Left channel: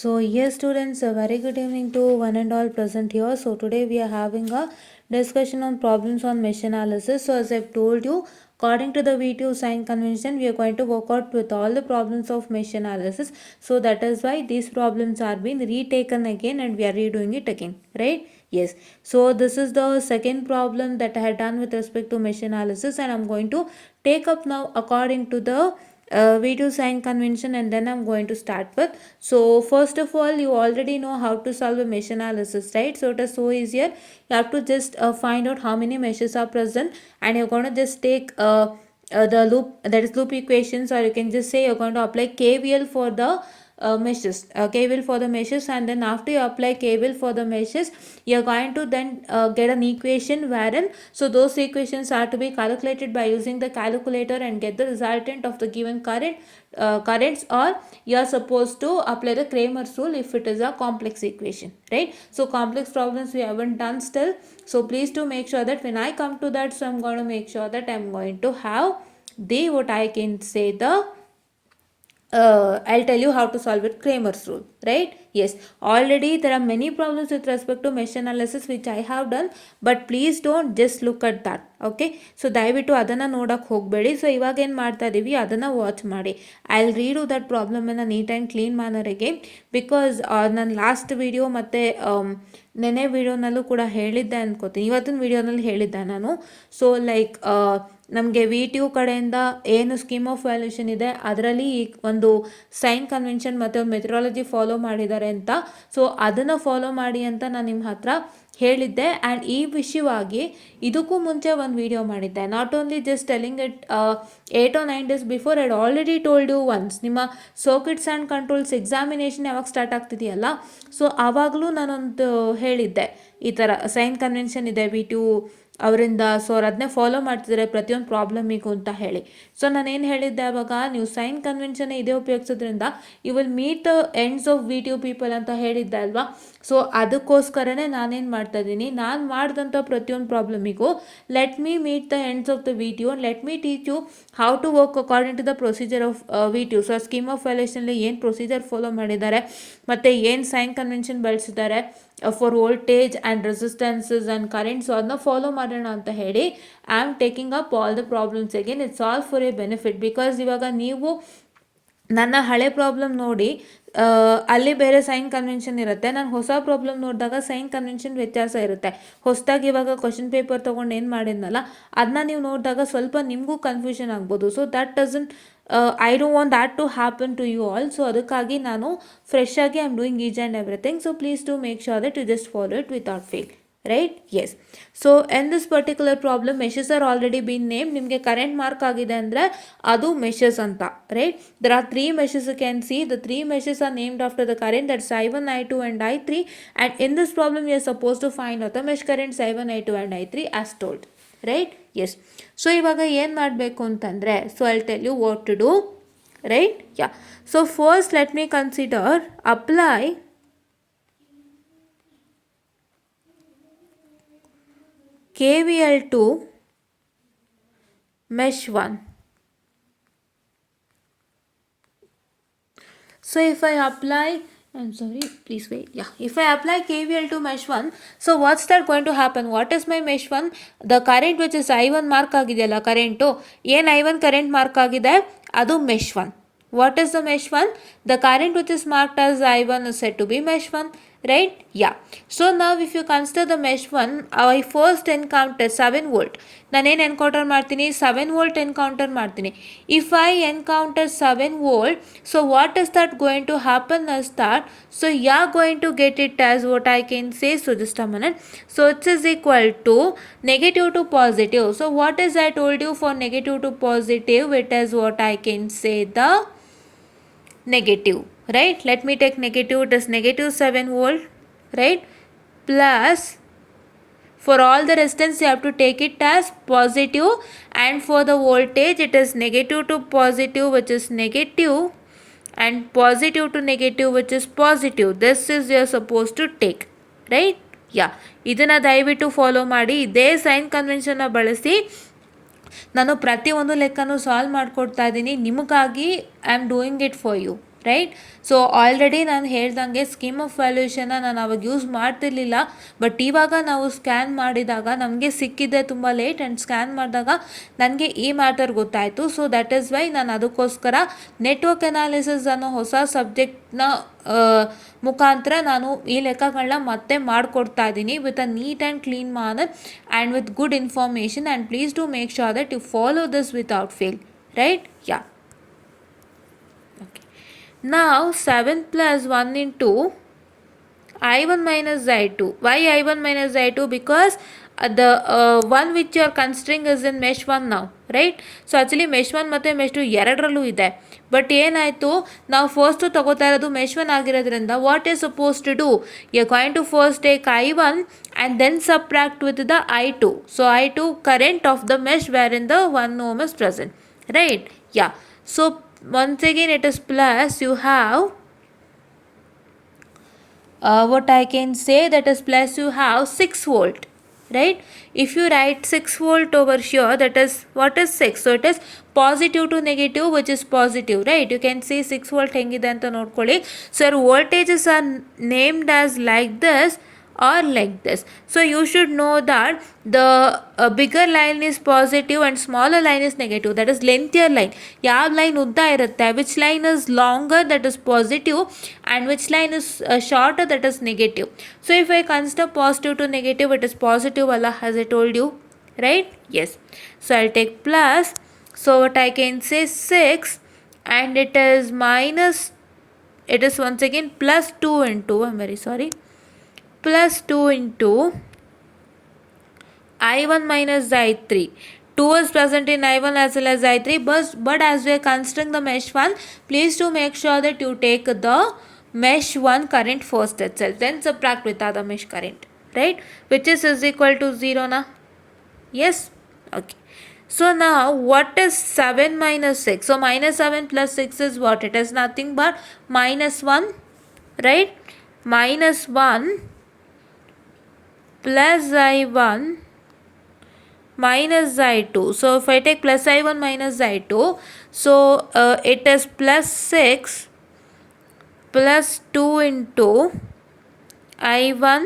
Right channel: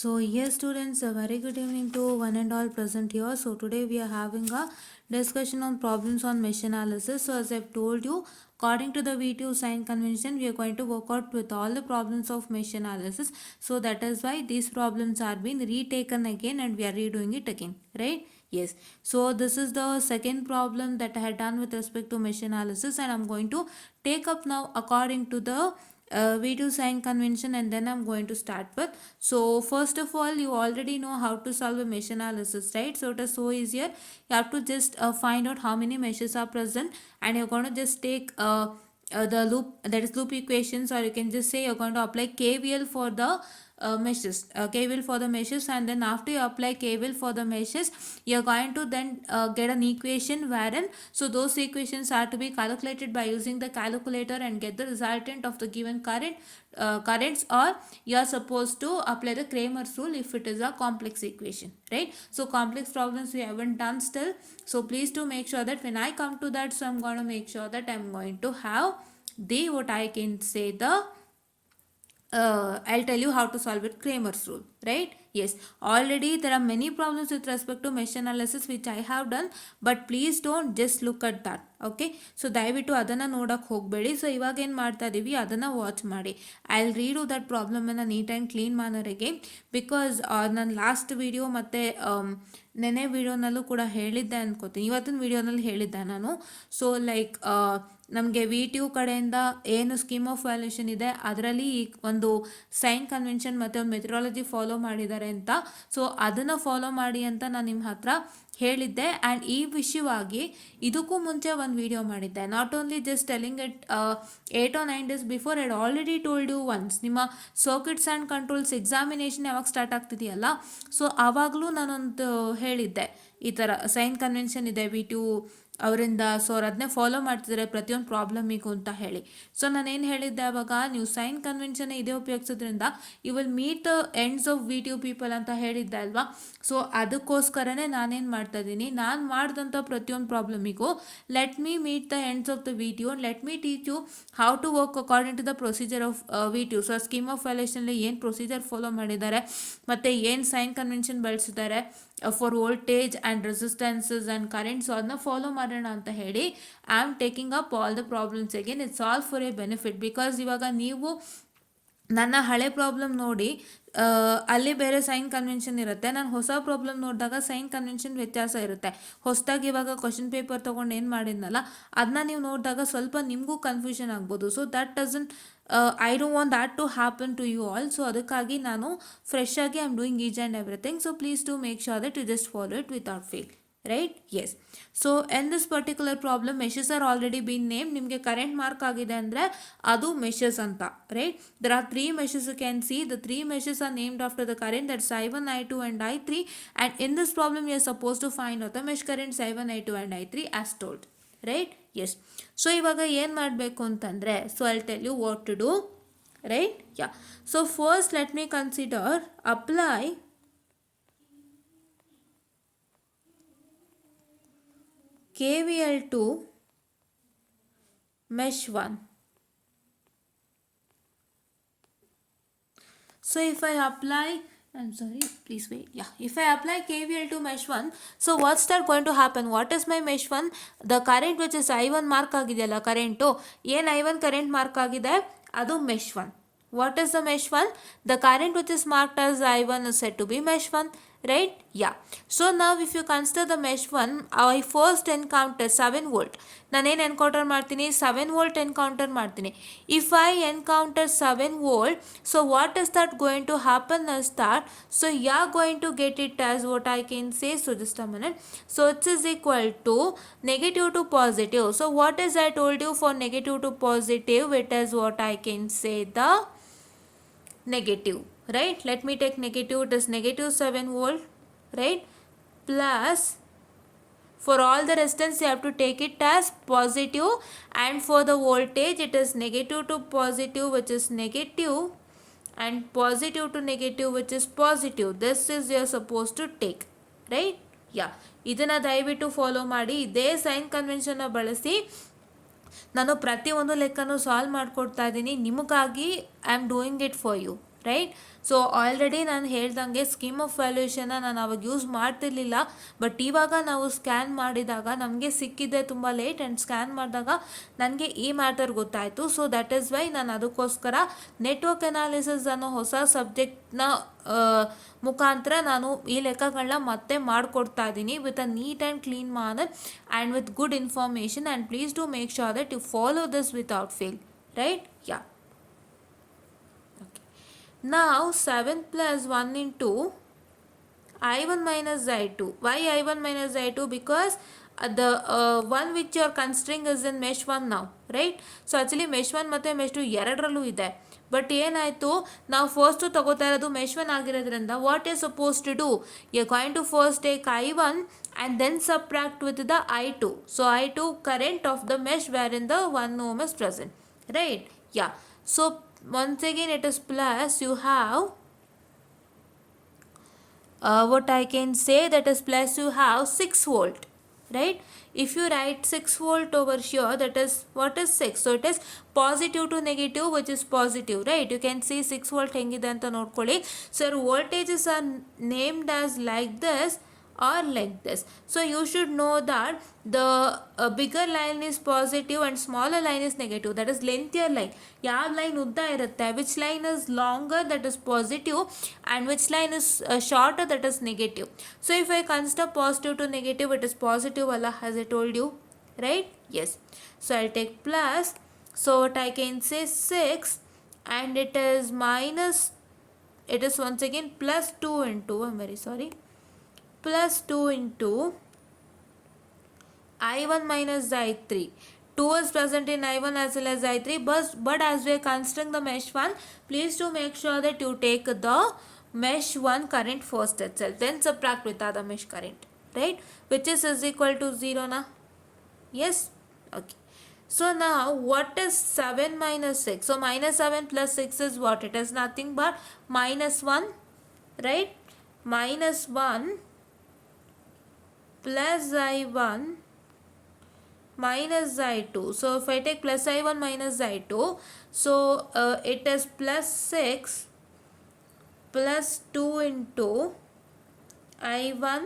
So yes students, a very good evening to one and all present here. So today we are having a discussion on problems on mesh analysis. So as I've told you, according to the V2 sign convention, we are going to work out with all the problems of mesh analysis. So that is why these problems are being retaken again and we are redoing it again, right? Yes. So this is the second problem that I had done with respect to mesh analysis, and I'm going to take up now according to the V2 sign convention, and then I'm going to start with. So first of all, you already know how to solve a mesh analysis, right? So it is so easier. You have to just find out how many meshes are present, and you're going to just take the loop, that is loop equations, or you can just say you're going to apply KVL for the meshes, KVL for the meshes, and then after you apply KVL for the meshes, you're going to then get an equation wherein, so those equations are to be calculated by using the calculator and get the resultant of the given currents, or you're supposed to apply the Kramer's rule if it is a complex equation, right? So complex problems we haven't done still, so please do make sure that when I come to that, so I'm going to make sure that I'm going to have the, what I can say, the I'll tell you how to solve it, Kramer's rule, right? Yes, already there are many problems with respect to mesh analysis which I have done, but please don't just look at that, okay? So ದಯವಿಟ್ಟು ಅದನ್ನು ನೋಡೋಕೆ ಹೋಗಬೇಡಿ. ಸೊ ಇವಾಗ ಏನು ಮಾಡ್ತಾ ಇದ್ದೀವಿ, ಅದನ್ನು watch ಮಾಡಿ. ಐ ವಿಲ್ ರೀಡು ದಟ್ ಪ್ರಾಬ್ಲಮನ್ನು ನೀಟ್ ಆ್ಯಂಡ್ ಕ್ಲೀನ್ ಮ್ಯಾನರಿಗೆ, ಬಿಕಾಸ್ ನಾನು ಲಾಸ್ಟ್ ವಿಡಿಯೋ ಮತ್ತು ನೆನೆ ವಿಡಿಯೋನಲ್ಲೂ ಕೂಡ ಹೇಳಿದ್ದೆ ಅನ್ಕೋತೀನಿ, ಇವತ್ತಿನ ವಿಡಿಯೋನಲ್ಲಿ ಹೇಳಿದ್ದೆ ನಾನು. ಸೊ ಲೈಕ್ ನಮಗೆ V2 ಕಡೆಯಿಂದ ಏನು ಸ್ಕೀಮ್ ಆಫ್ ವ್ಯಾಲ್ಯೂಷನ್ ಇದೆ ಅದರಲ್ಲಿ ಒಂದು ಸೈನ್ ಕನ್ವೆನ್ಷನ್ ಮತ್ತು ಒಂದು ಮೆಥಡಾಲಜಿ ಫಾಲೋ ಮಾಡಿದ್ದಾರೆ ಅಂತ. ಸೊ ಅದನ್ನು ಫಾಲೋ ಮಾಡಿ ಅಂತ ನಾನು ನಿಮ್ಮ ಹತ್ರ ಹೇಳಿದ್ದೆ. ಆ್ಯಂಡ್ ಈ ವಿಷಯವಾಗಿ ಇದಕ್ಕೂ ಮುಂಚೆ ಒಂದು ವಿಡಿಯೋ ಮಾಡಿದ್ದೆ, not only just telling it 8 or 9 days before. I'd already told you once, ನಿಮ್ಮ ಸರ್ಕ್ಯೂಟ್ಸ್ ಆ್ಯಂಡ್ ಕಂಟ್ರೋಲ್ಸ್ ಎಕ್ಸಾಮಿನೇಷನ್ ಯಾವಾಗ ಸ್ಟಾರ್ಟ್ ಆಗ್ತಿದೆಯಲ್ಲ, ಸೊ ಆವಾಗಲೂ ನಾನೊಂದು ಹೇಳಿದ್ದೆ ಈ ಥರ ಸೈನ್ ಕನ್ವೆನ್ಷನ್ ಇದೆ V2 ಅವರಿಂದ, ಸೊ ಅವ್ರು ಅದನ್ನೇ ಫಾಲೋ ಮಾಡ್ತಿದ್ದಾರೆ ಪ್ರತಿಯೊಂದು ಪ್ರಾಬ್ಲಮಿಗೂ ಅಂತ ಹೇಳಿ. ಸೊ ನಾನೇನು ಹೇಳಿದ್ದೆ ಆವಾಗ, ನೀವು ಸೈನ್ ಕನ್ವೆನ್ಷನ್ ಇದೇ ಉಪಯೋಗಿಸೋದ್ರಿಂದ you will meet the ends of V2 people ಅಂತ ಹೇಳಿದ್ದೆ ಅಲ್ವಾ. ಸೊ ಅದಕ್ಕೋಸ್ಕರನೇ ನಾನೇನು ಮಾಡ್ತಾ ಇದ್ದೀನಿ, ನಾನು ಮಾಡಿದಂಥ ಪ್ರತಿಯೊಂದು ಪ್ರಾಬ್ಲಮಿಗೂ let me meet the ends of the V2 and let me teach you how to work according to the procedure of V2. So scheme of ವ್ಯಾಲ್ಯೂಷನಲ್ಲಿ ಏನು ಪ್ರೊಸೀಜರ್ ಫಾಲೋ ಮಾಡಿದ್ದಾರೆ ಮತ್ತು ಏನು ಸೈನ್ ಕನ್ವೆನ್ಷನ್ ಬಳಸಿದ್ದಾರೆ for voltage and resistances and current, so ಅದನ್ನ follow ಮಾಡೋಣ ಅಂತ ಹೇಳಿ I am taking up all the problems again. It's all for a benefit, because ಇವಾಗ ನೀವು ನನ್ನ ಹಳೆ ಪ್ರಾಬ್ಲಮ್ ನೋಡಿ ಅಲ್ಲಿ ಬೇರೆ ಸೈನ್ ಕನ್ವೆನ್ಷನ್ ಇರುತ್ತೆ, ನಾನು ಹೊಸ ಪ್ರಾಬ್ಲಮ್ ನೋಡಿದಾಗ ಸೈನ್ ಕನ್ವೆನ್ಷನ್ ವ್ಯತ್ಯಾಸ ಇರುತ್ತೆ. ಹೊಸದಾಗಿ ಇವಾಗ ಕ್ವಶನ್ ಪೇಪರ್ ತೊಗೊಂಡು ಏನು ಮಾಡಿದ್ನಲ್ಲ ಅದನ್ನ ನೀವು ನೋಡಿದಾಗ ಸ್ವಲ್ಪ ನಿಮಗೂ ಕನ್ಫ್ಯೂಷನ್ ಆಗ್ಬೋದು. So that doesn't I don't want that to happen to you all. So ಅದಕ್ಕಾಗಿ ನಾನು ಫ್ರೆಶ್ ಆಗಿ I am doing each and everything. So please to make sure that you just follow it without fail, right? Yes. So in this particular problem meshes are already been named. ನಿಮಗೆ current mark ಆಗಿದೆ ಅಂದರೆ ಅದು ಮೆಷಸ್ ಅಂತ, right? there are 3 meshes you can see. the 3 meshes are named after the current, that's I1, I2 and I3, and in this problem you are supposed to find out the mesh currents I1, I2 and I3 as told, right? Yes. So ಇವಾಗ ಏನು ಮಾಡಬೇಕು ಅಂತಂದರೆ, so I'll tell you what to do, right? Yeah. So first let me consider apply KVL to mesh 1. So if I apply, I'm sorry, please wait. Yeah, if I apply KVL to mesh 1, so what's that going to happen? What is my mesh 1? The current which is I1 mark ಆಗಿದೆಯಲ್ಲ, ಕರೆಂಟು ಏನು I1 current mark ಆಗಿದೆ ಅದು mesh 1. What is the mesh 1? The current which is marked as I1 is said to be mesh 1, right? Yeah. So now if you consider the mesh 1, I first encounter 7 volt. ನಾನೇನು ಎನ್ಕೌಂಟರ್ ಮಾಡ್ತೀನಿ, 7 volt encounter ಮಾಡ್ತೀನಿ. If I encounter 7 volt, so what is that going to happen is that, so you are going to get it as what I can say, so just a minute. So it is equal to negative to positive. So what is I told you for negative to positive, it is what I can say the negative, right? Let me take negative. It is negative 7 volt, right? Plus for all the resistance you have to take it as positive, and for the voltage it is negative to positive which is negative, and positive to negative which is positive. This is you are supposed to take, right? Yeah. ಇದನ್ನು ದಯವಿಟ್ಟು ಫಾಲೋ ಮಾಡಿ. ಇದೇ ಸೈನ್ ಕನ್ವೆನ್ಷನ್ನ ಬಳಸಿ ನಾನು ಪ್ರತಿಯೊಂದು ಲೆಕ್ಕನೂ ಸಾಲ್ವ್ ಮಾಡಿಕೊಡ್ತಾ ಇದ್ದೀನಿ ನಿಮಗಾಗಿ. I am doing it for you, right. So already ನಾನು ಹೇಳ್ದಂಗೆ ಸ್ಕೀಮ್ ಆಫ್ ವ್ಯಾಲ್ಯೂಷನ್ನ ನಾನು ಅವಾಗ ಯೂಸ್ ಮಾಡ್ತಿರ್ಲಿಲ್ಲ, ಬಟ್ ಇವಾಗ ನಾವು ಸ್ಕ್ಯಾನ್ ಮಾಡಿದಾಗ ನಮಗೆ ಸಿಕ್ಕಿದೆ ತುಂಬ ಲೇಟ್, ಆ್ಯಂಡ್ ಸ್ಕ್ಯಾನ್ ಮಾಡಿದಾಗ ನನಗೆ ಈ ಮ್ಯಾಟರ್ ಗೊತ್ತಾಯಿತು. ಸೊ ದಟ್ ಈಸ್ ವೈ ನಾನು ಅದಕ್ಕೋಸ್ಕರ ನೆಟ್ವರ್ಕ್ ಅನಾಲಿಸಿಸ್ ಅನ್ನೋ ಹೊಸ ಸಬ್ಜೆಕ್ಟ್ನ ಮುಖಾಂತರ ನಾನು ಈ ಲೆಕ್ಕಗಳನ್ನ ಮತ್ತೆ ಮಾಡಿಕೊಡ್ತಾ ಇದ್ದೀನಿ with a neat and clean manner and with good information, and please to make sure that you follow this without fail, right. Yeah. Now 7 plus 1 into I1 minus I2. Why I1 minus I2? Because the one which you are considering is in mesh 1 now, right? So actually mesh 1 ಮತ್ತು mesh 2 ಎರಡರಲ್ಲೂ ಇದೆ. ಬಟ್ ಏನಾಯಿತು, ನಾವು ಫಸ್ಟು ತಗೋತಾ ಇರೋದು mesh 1 ಆಗಿರೋದ್ರಿಂದ what is suppose to do, you are going to first take I1 and then subtract with the I2. So I2 current of the mesh wherein the 1 ohm is present, right? Yeah. So once again it is plus, you have what I can say, that is plus you have 6 volt, right? If you write 6 volt over here, that is what is 6, so it is positive to negative, which is positive, right? You can say 6 volt hengide anta nodಕೊಳ್ಳಿ. So your voltages are named as like this or like this. So you should know that the bigger line is positive and smaller line is negative, that is lengthier line. ಯಾವ ಲೈನ್ ಉದ್ದ ಇರುತ್ತೆ, which line is longer, that is positive, and which line is shorter, that is negative. So if I consider positive to negative, it is positive Allah, as I told you, right? Yes. So I'll take plus, so what I can say 6, and it is minus, it is once again plus 2 into, I'm very sorry, plus 2 into I1 minus I3. 2 is present in I1 as well as I3, but as we are considering the mesh 1, please to make sure that you take the mesh 1 current first itself, then subtract with other mesh current, right? Which is equal to 0 na? Yes? Okay. So now what is 7 minus 6? So minus 7 plus 6 is what? It is nothing but minus 1, right? Minus 1 plus I1 minus I2. So if I take plus I1 minus I2, so it is plus 6 plus 2 into I1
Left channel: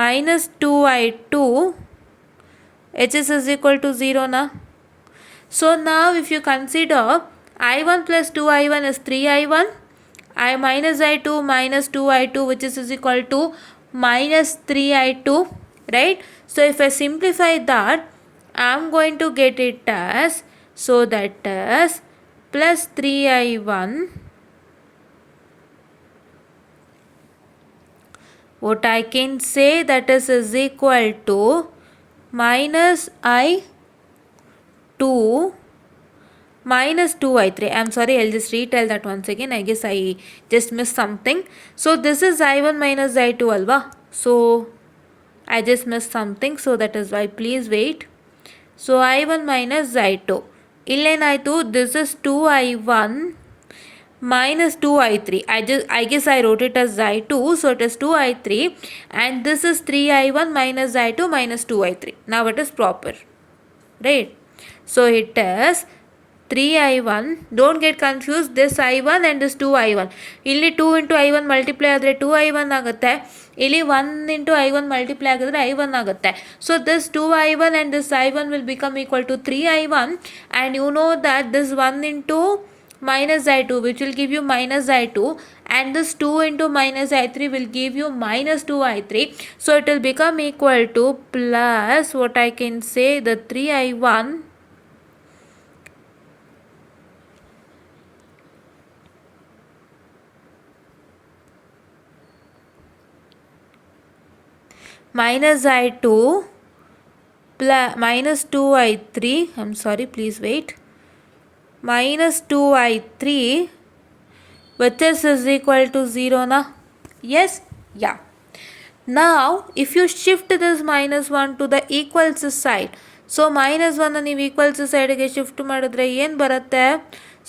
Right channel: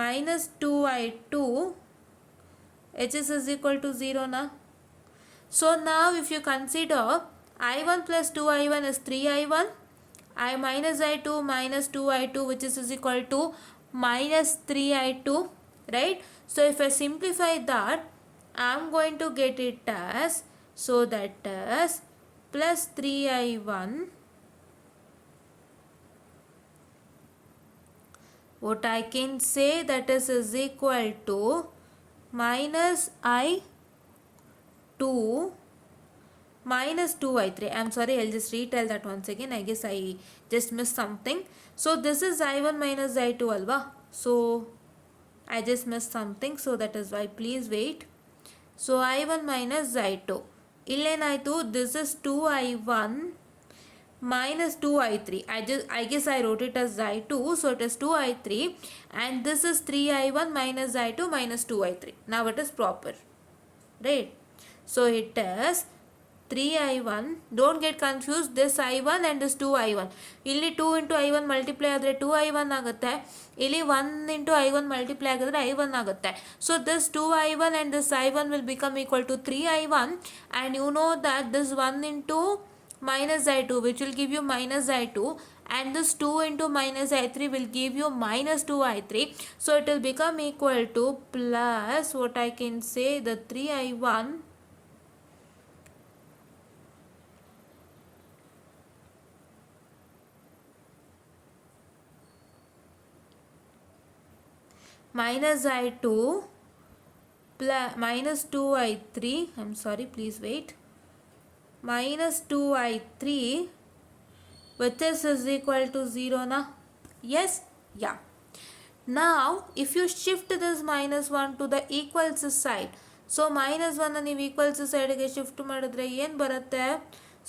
minus 2I2, which is equal to 0 na. So now if you consider I1 plus 2I1 is 3I1, I minus I2 minus 2I2, which is equal to minus 3I2, right? So if I simplify that, I am going to get it as, so that is plus 3I1, what I can say, that is equal to minus I2 minus 2I3. I'm sorry, I'll just retell that once again. I guess I just missed something. So this is I1 minus I2 alva. So I just missed something, so that is why, please wait. So I1 minus I2. Illenaitu, this is 2I1 minus 2I3. I guess I wrote it as I2, so it is 2I3, and this is 3I1 minus I2 minus 2I3. Now it is proper, right? So it is 3I1, don't get confused, this I1 and this 2I1. ಇಲ್ಲಿ 2 into I1 multiply ಆದರೆ 2I1 ಆಗುತ್ತೆ, ಇಲ್ಲಿ 1 into I1 multiply ಆಗಿದ್ರೆ I1 ಆಗುತ್ತೆ. So this 2I1 and this I1 will become equal to 3I1, and you know that this 1 into minus I2, which will give you minus I2, and this 2 into minus I3 will give you minus 2I3. So it will become equal to plus, what I can say, the 3I1 minus I2 plus minus 2I3, I'm sorry, please wait, minus 2I3, which is equal to 0 na. Yes? Yeah. Now if you shift this minus 1 to the equals side, so minus 1 ನೀವು equals side ಗೆ shift ಮಾಡಿದ್ರೆ ಏನು ಬರುತ್ತೆ?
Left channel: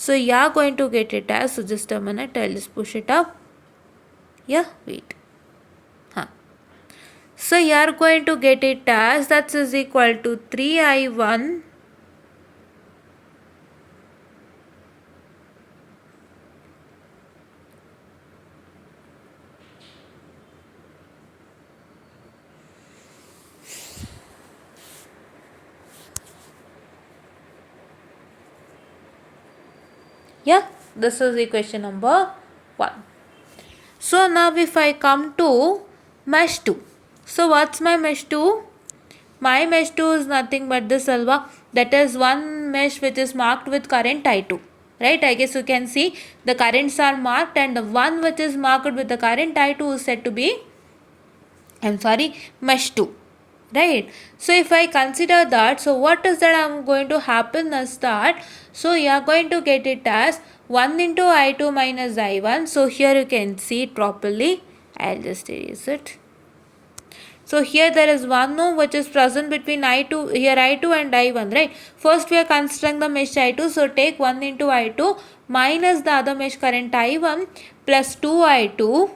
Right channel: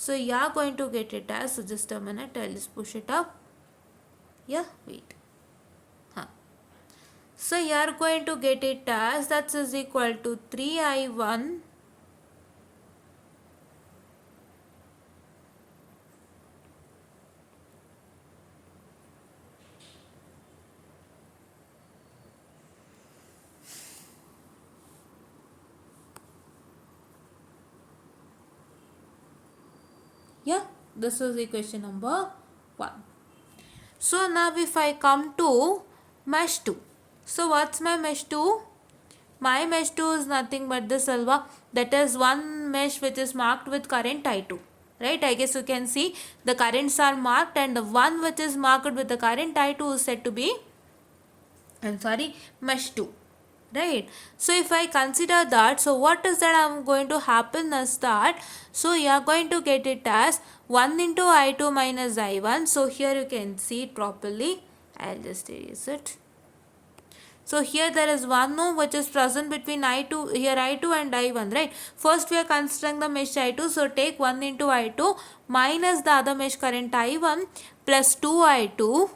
So you are going to get it as, so just a minute, I'll just push it up. Yeah, wait. So you are going to get it as, that is equal to 3I1 minus Yeah, this is equation number 1. So now if I come to mesh 2. So what's my mesh 2? My mesh 2 is nothing but this alva. That is one mesh which is marked with current I2. Right? I guess you can see the currents are marked, and the one which is marked with the current I2 is said to be, mesh 2. Right? So if I consider that, so what is that I'm going to happen is that, so you are going to get it as 1 into I2 minus I1. So here you can see it properly. I'll just erase it. So here there is one node which is present between I2, here I2 and I1, right? First we are considering the mesh I2, so take 1 into I2 minus the other mesh current I1 plus 2I2,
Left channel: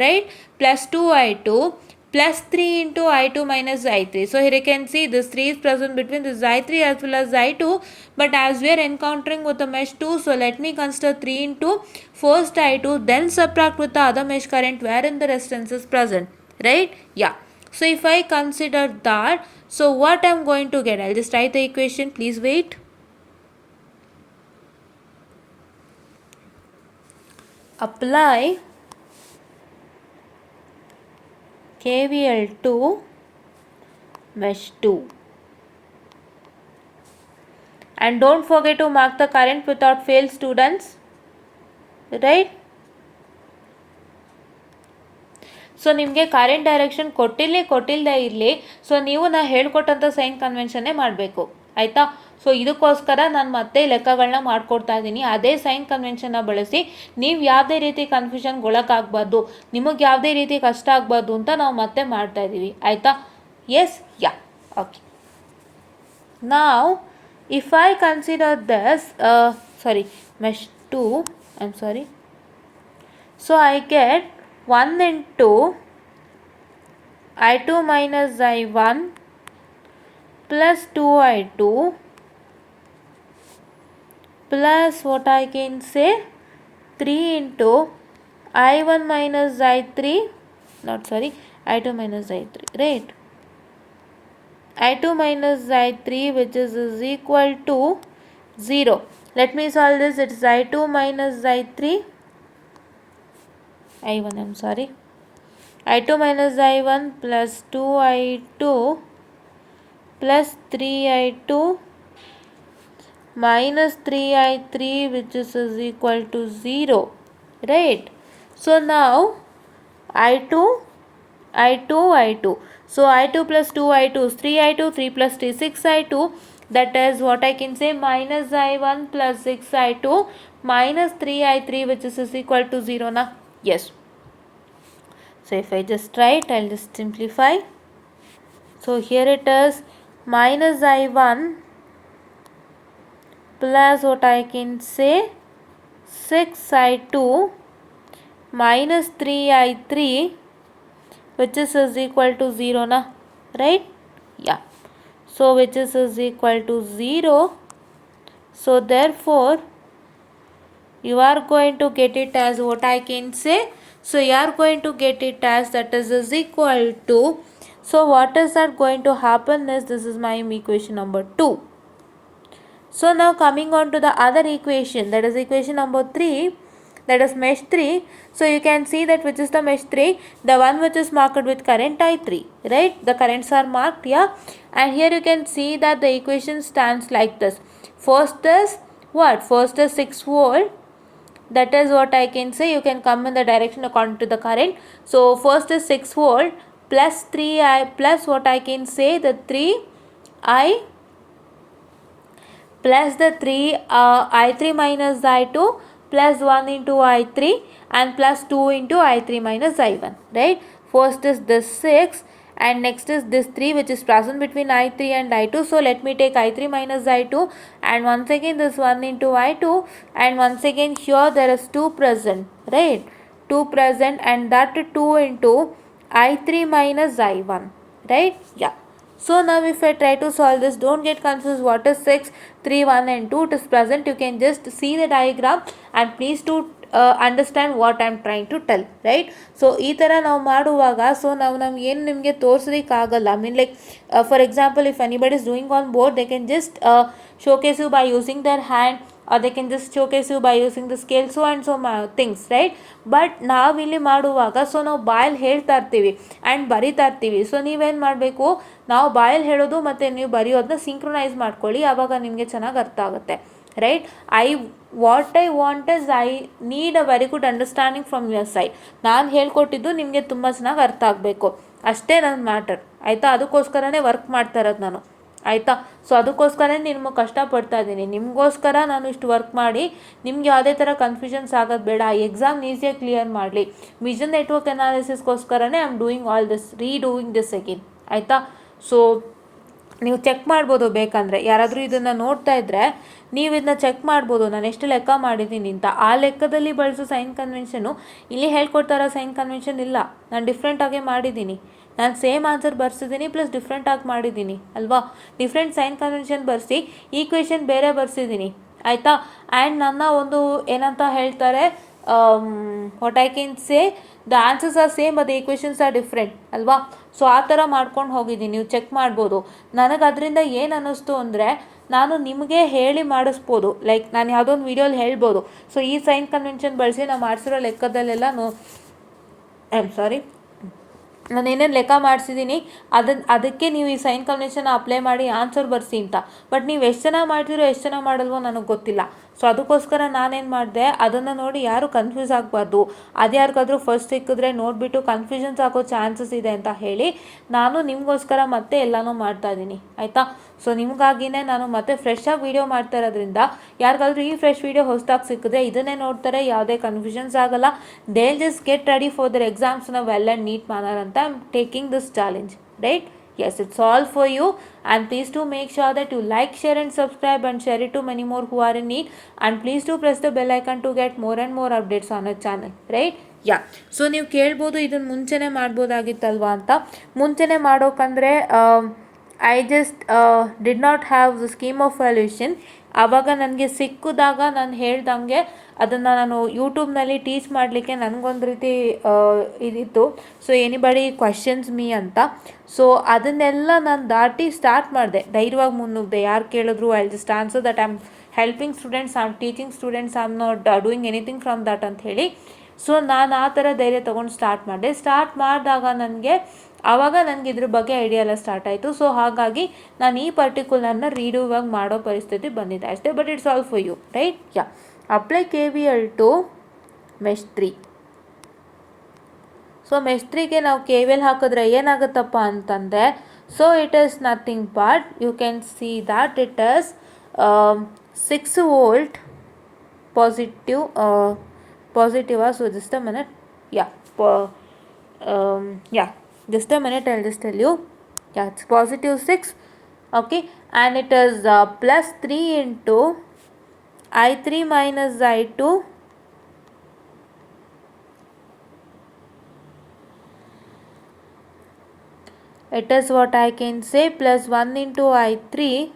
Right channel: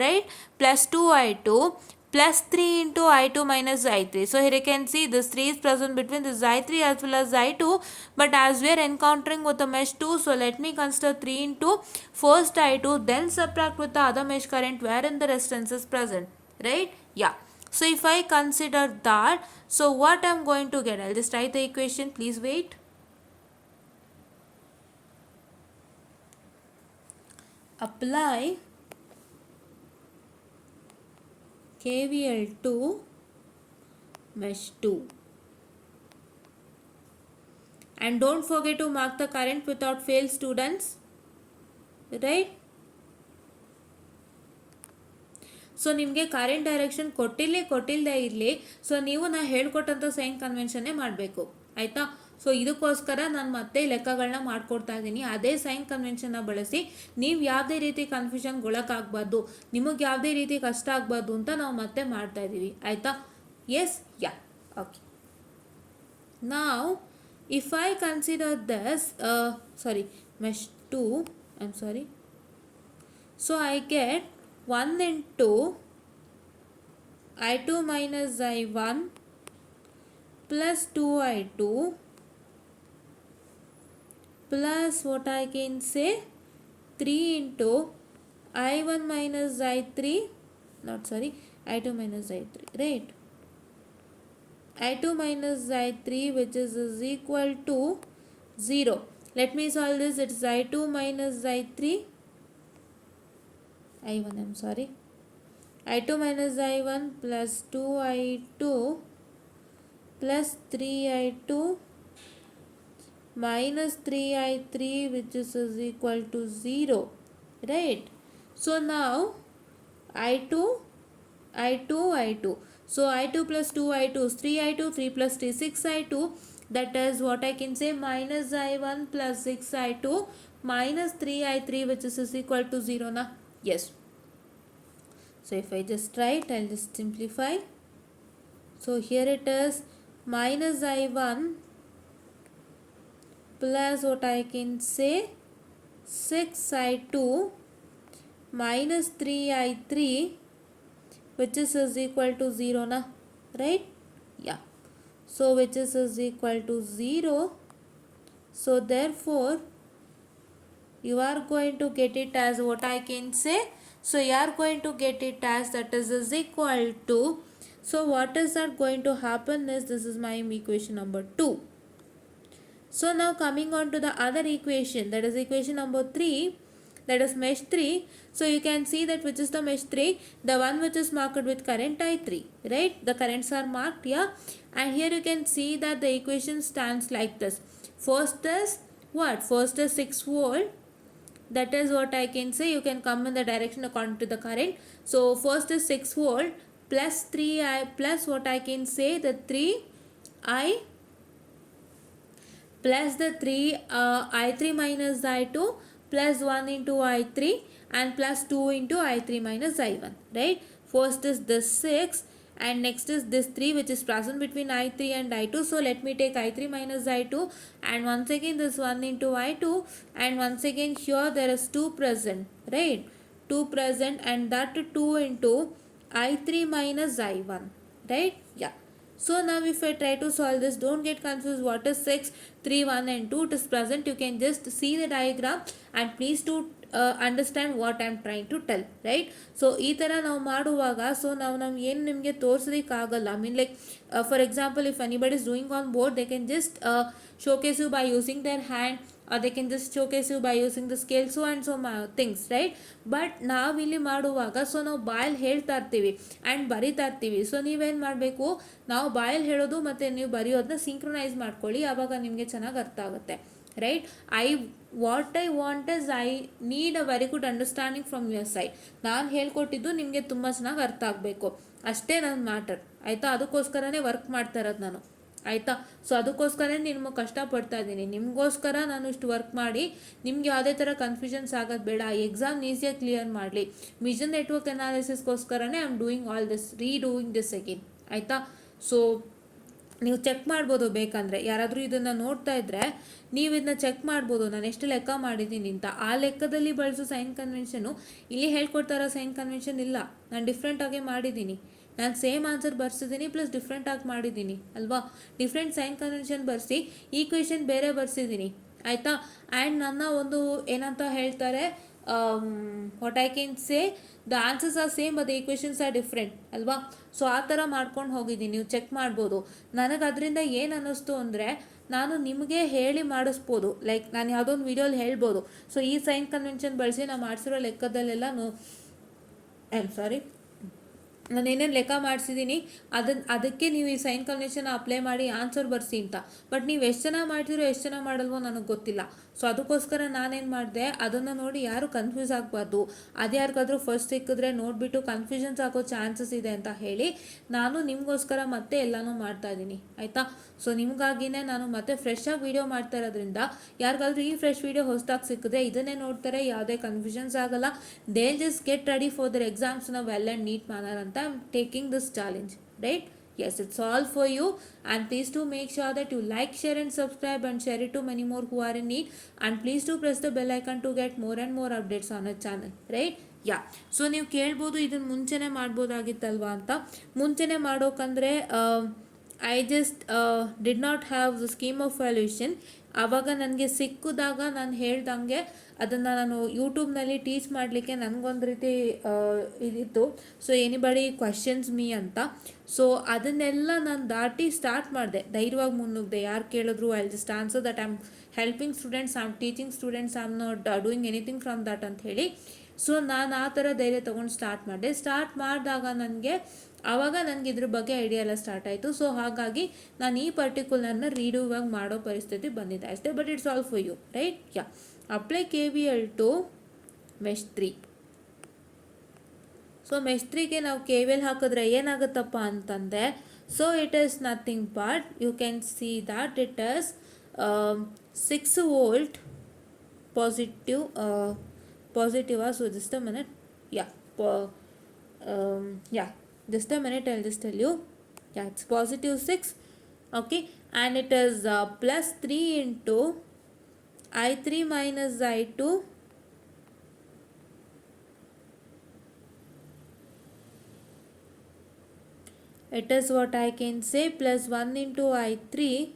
right? Plus 2I2 plus 3 into I2 minus I3. So here you can see this 3 is present between this I3 as well as I2, but as we are encountering with the mesh 2, so let me consider 3 into first I2, then subtract with the other mesh current wherein the resistance is present, right? Yeah. So if I consider that, so what I am going to get? I'll just write the equation. Please wait. Apply KVL to mesh 2. And don't forget to mark the current without fail, students. Right? So ನಿಮಗೆ current direction ಕೊಟ್ಟಿಲ್ಲದೆ ಇರಲಿ, ಸೊ ನೀವು ನಾ ಹೇಳ್ಕೊಟ್ಟಂಥ ಸೈನ್ ಕನ್ವೆನ್ಷನ್ನೇ ಮಾಡಬೇಕು, ಆಯಿತಾ? ಸೊ ಇದಕ್ಕೋಸ್ಕರ ನಾನು ಮತ್ತೆ ಲೆಕ್ಕಗಳನ್ನ ಮಾಡ್ಕೊಡ್ತಾ ಇದ್ದೀನಿ. ಅದೇ ಸೈನ್ ಕನ್ವೆನ್ಷನ್ನ ಬಳಸಿ ನೀವು ಯಾವುದೇ ರೀತಿ ಕನ್ಫ್ಯೂಷನ್ಗೊಳಗಾಗಬಾರ್ದು, ನಿಮಗೆ ಯಾವುದೇ ರೀತಿ ಕಷ್ಟ ಆಗಬಾರ್ದು ಅಂತ ನಾವು ಮತ್ತೆ ಮಾಡ್ತಾ ಇದ್ದೀವಿ, ಆಯಿತಾ? ಎಸ್, ಯಾ, ಓಕೆ. ನಾವು if I consider this mesh 2, so I get 1 into I2 minus I1 plus 2I2 plus what I can say 3 into I1 minus I3, I2 minus I3, right? I2 minus I3 which is equal to 0. Let me solve this. It's I2 minus I3 I1, I2 minus I1 plus 2I2 plus 3I2 minus 3I3 which is equal to 0, right? So now I2, so I2 plus 2I2 is 3I2, 3 plus 3, 6I2, that is what I can say minus I1 plus 6I2 minus 3I3 which is equal to 0 na. Yes. So if I just write, I'll just simplify. So here it is minus I1 plus what I can say 6I2 minus 3I3 which is equal to 0 na, right? Yeah. So which is equal to 0. So therefore you are going to get it as what I can say. So you are going to get it as that is equal to, so what is that going to happen is this is my equation number 2. So now coming on to the other equation, that is equation number 3, that is mesh 3. So you can see that which is the mesh 3, the one which is marked with current I3, right? The currents are marked, yeah. And here you can see that the equation stands like this. First is what? First is 6 volt. That is what I can say. You can come in the direction according to the current. So first is 6 volt plus 3I plus what I can say the 3I plus the 3 I3 minus I2 plus 1 into I3 and plus 2 into I3 minus I1, right? First is this 6 and next is this 3 which is present between I3 and I2. So let me take I3 minus I2 and once again this 1 into I2 and once again here there is 2 present, right? 2 present and that 2 into I3 minus I1, right? Yeah. So now if I try to solve this, don't get confused what is 6, 3, 1 and 2. It is present. You can just see the diagram and please to understand what I am trying to tell, right? So ಈ ಥರ ನಾವು ಮಾಡುವಾಗ so ನಾವು ನಮ್ಗೆ ಏನು ನಿಮಗೆ ತೋರಿಸೋದಕ್ಕಾಗಲ್ಲ. I mean like for example if anybody is doing on board they can just showcase you by using their hand they can just showcase you by using the scale, so and so things, right? But ನಾವಿಲ್ಲಿ ಮಾಡುವಾಗ so ನಾವು ಬಾಯಲ್ಲಿ ಹೇಳ್ತಾ ಇರ್ತೀವಿ ಆ್ಯಂಡ್ ಬರಿತಾ ಇರ್ತೀವಿ. ಸೊ ನೀವೇನು ಮಾಡಬೇಕು, ನಾವು ಬಾಯಲ್ಲಿ ಹೇಳೋದು ಮತ್ತು ನೀವು ಬರೆಯೋದನ್ನ ಸಿಂಕ್ರೊನೈಸ್ ಮಾಡ್ಕೊಳ್ಳಿ, ಆವಾಗ ನಿಮಗೆ ಚೆನ್ನಾಗಿ ಅರ್ಥ ಆಗುತ್ತೆ, right? What I want is I need a very good understanding from your side. ನಾನು ಹೇಳ್ಕೊಟ್ಟಿದ್ದು ನಿಮಗೆ ತುಂಬ ಚೆನ್ನಾಗಿ ಅರ್ಥ ಆಗಬೇಕು, ಅಷ್ಟೇ ನನ್ನ ಮ್ಯಾಟರ್, ಆಯಿತಾ? ಅದಕ್ಕೋಸ್ಕರನೇ ವರ್ಕ್ ಮಾಡ್ತಾ ಇರೋದು ನಾನು, ಆಯಿತಾ? ಸೊ ಅದಕ್ಕೋಸ್ಕರ ನಿಮಗೆ ಕಷ್ಟಪಡ್ತಾ ಇದ್ದೀನಿ, ನಿಮಗೋಸ್ಕರ ನಾನು ಇಷ್ಟು ವರ್ಕ್ ಮಾಡಿ ನಿಮ್ಗೆ ಯಾವುದೇ ಥರ ಕನ್ಫ್ಯೂಷನ್ಸ್ ಆಗೋದು ಬೇಡ, ಎಕ್ಸಾಮ್ ಈಸಿಯಾಗಿ ಕ್ಲಿಯರ್ ಮಾಡಲಿ, ವಿಷನ್ ನೆಟ್ವರ್ಕ್ ಅನಾಲಿಸಿಸ್ಗೋಸ್ಕರನೇ I am doing all this, redoing this again, ಆಯಿತಾ? ಸೊ ನೀವು ಚೆಕ್ ಮಾಡ್ಬೋದು, ಬೇಕಂದರೆ ಯಾರಾದರೂ ಇದನ್ನು ನೋಡ್ತಾ ಇದ್ದರೆ ನೀವು ಇದನ್ನ ಚೆಕ್ ಮಾಡ್ಬೋದು, ನಾನು ಎಷ್ಟು ಲೆಕ್ಕ ಮಾಡಿದ್ದೀನಿ ಅಂತ. ಆ ಲೆಕ್ಕದಲ್ಲಿ ಬಳಸೋ ಸೈನ್ ಕನ್ವೆನ್ಷನು ಇಲ್ಲಿ ಹೇಳ್ಕೊಡ್ತಾರೋ ಸೈನ್ ಕನ್ವೆನ್ಷನ್ ಇಲ್ಲ, ನಾನು ಡಿಫ್ರೆಂಟಾಗೇ ಮಾಡಿದ್ದೀನಿ. ನಾನು ಸೇಮ್ ಆನ್ಸರ್ ಬರ್ಸಿದ್ದೀನಿ ಪ್ಲಸ್ ಡಿಫ್ರೆಂಟಾಗಿ ಮಾಡಿದ್ದೀನಿ ಅಲ್ವಾ? ಡಿಫ್ರೆಂಟ್ ಸೈನ್ ಕನ್ವೆನ್ಷನ್ ಬರೆಸಿ ಈಕ್ವೇಷನ್ ಬೇರೆ ಬರ್ಸಿದ್ದೀನಿ, ಆಯಿತಾ? ಆ್ಯಂಡ್ ನನ್ನ ಒಂದು ಏನಂತ ಹೇಳ್ತಾರೆ, what I can say, the answers are same but the equations are different ಅಲ್ವಾ? ಸೊ ಆ ಥರ ಮಾಡ್ಕೊಂಡು ಹೋಗಿದ್ದೀನಿ, ನೀವು ಚೆಕ್ ಮಾಡ್ಬೋದು. ನನಗೆ ಅದರಿಂದ ಏನು ಅನ್ನಿಸ್ತು ಅಂದರೆ, ನಾನು ನಿಮಗೆ ಹೇಳಿ ಮಾಡಿಸ್ಬೋದು, ಲೈಕ್ ನಾನು ಯಾವುದೋ ಒಂದು ವೀಡಿಯೋಲಿ ಹೇಳ್ಬೋದು, ಸೊ ಈ ಸೈನ್ ಕನ್ವೆನ್ಷನ್ ಬಳಸಿ ನಾವು ಮಾಡಿಸಿರೋ ಲೆಕ್ಕದಲ್ಲೆಲ್ಲ ಐ ಆಮ್ ಸಾರಿ, ನಾನೇನೇನು ಲೆಕ್ಕ ಮಾಡಿಸಿದ್ದೀನಿ ಅದಕ್ಕೆ ನೀವು ಈ ಸೈನ್ ಕನ್ವೆನ್ಷನ್ ಅಪ್ಲೈ ಮಾಡಿ ಆನ್ಸರ್ ಬರ್ಸಿ ಅಂತ. ಬಟ್ ನೀವು ಎಷ್ಟು ಜನ ಮಾಡ್ತೀರೋ ಎಷ್ಟು ಜನ ಮಾಡಲ್ವೋ ನನಗೆ ಗೊತ್ತಿಲ್ಲ. ಸೊ ಅದಕ್ಕೋಸ್ಕರ ನಾನೇನು ಮಾಡಿದೆ, ಅದನ್ನು ನೋಡಿ ಯಾರು ಕನ್ಫ್ಯೂಸ್ ಆಗಬಾರ್ದು, ಅದು ಯಾರಿಗಾದ್ರೂ ಫಸ್ಟ್ ಸಿಕ್ಕಿದ್ರೆ ನೋಡಿಬಿಟ್ಟು ಕನ್ಫ್ಯೂಷನ್ಸ್ ಆಗೋ ಚಾನ್ಸಸ್ ಇದೆ ಅಂತ ಹೇಳಿ ನಾನು ನಿಮಗೋಸ್ಕರ ಮತ್ತೆ ಎಲ್ಲನೂ ಮಾಡ್ತಾಯಿದ್ದೀನಿ, ಆಯಿತಾ? ಸೊ ನಿಮಗಾಗಿಯೇ ನಾನು ಮತ್ತೆ ಫ್ರೆಶ್ಶಾಗಿ ವೀಡಿಯೋ ಮಾಡ್ತಾ ಇರೋದ್ರಿಂದ ಯಾರಿಗಾದ್ರೂ ಈ ಫ್ರೆಶ್ ವೀಡಿಯೋ ಹೊಸದಾಗಿ ಸಿಕ್ಕಿದ್ರೆ ಇದನ್ನೇ ನೋಡ್ತಾರೆ, ಯಾವುದೇ ಕನ್ಫ್ಯೂಷನ್ಸ್ ಆಗಲ್ಲ, they just get ready for their exams in a well and neat manner ಅಂತ I am taking this challenge, right? Yes, it's all for you, and please do make sure that you like, share and subscribe and share it to many more who are in need, and please do press the bell icon to get more and more updates on our channel, right? Yeah, so ನೀವು ಕೇಳ್ಬೋದು ಇದನ್ನು ಮುಂಚೆನೇ ಮಾಡ್ಬೋದಾಗಿತ್ತಲ್ವಾ ಅಂತ. ಮುಂಚೆನೇ ಮಾಡೋಕ್ಕಂದರೆ I just did not have the scheme of valuation. ಆವಾಗ ನನಗೆ ಸಿಕ್ಕಿದಾಗ ನಾನು ಹೇಳ್ದಂಗೆ ಅದನ್ನು ನಾನು ಯೂಟ್ಯೂಬ್ನಲ್ಲಿ ಟೀಚ್ ಮಾಡಲಿಕ್ಕೆ ನನಗೊಂದು ರೀತಿ ಇದಿತ್ತು, ಸೊ ಎನಿಬಡಿ ಕ್ವಶನ್ಸ್ ಮೀ ಅಂತ. ಸೊ ಅದನ್ನೆಲ್ಲ ನಾನು ದಾಟಿ ಸ್ಟಾರ್ಟ್ ಮಾಡಿದೆ, ಧೈರ್ಯವಾಗಿ ಮುನ್ನುಗ್ದೆ. ಯಾರು ಕೇಳಿದ್ರು I just answer that I am helping students, I am teaching students, I am not doing anything from that ಅಂತ ಹೇಳಿ. ಸೊ ನಾನು ಆ ಥರ ಧೈರ್ಯ ತೊಗೊಂಡು ಸ್ಟಾರ್ಟ್ ಮಾಡಿದೆ. ಸ್ಟಾರ್ಟ್ ಮಾಡಿದಾಗ ಆವಾಗ ನನಗೆ ಇದ್ರ ಬಗ್ಗೆ ಐಡಿಯಾ ಎಲ್ಲ ಸ್ಟಾರ್ಟ್ ಆಯಿತು. ಸೊ ಹಾಗಾಗಿ ನಾನು ಈ ಪರ್ಟಿಕ್ಯುಲರ್ನ ರೀಡೂವಾಗಿ ಮಾಡೋ ಪರಿಸ್ಥಿತಿ ಬಂದಿದೆ ಅಷ್ಟೇ. But it's all for you, right? Yeah, apply KVL to mesh 3. So mesh 3ಗೆ ನಾವು KVL ಹಾಕಿದ್ರೆ ಏನಾಗುತ್ತಪ್ಪ ಅಂತಂದರೆ, so it is nothing but you can see that it is 6 volt positive, so just a minute, just a minute, I'll just tell you. Yeah, it's positive 6, okay, and it is plus 3 into I3 minus I2 it is what I can say plus 1 into I3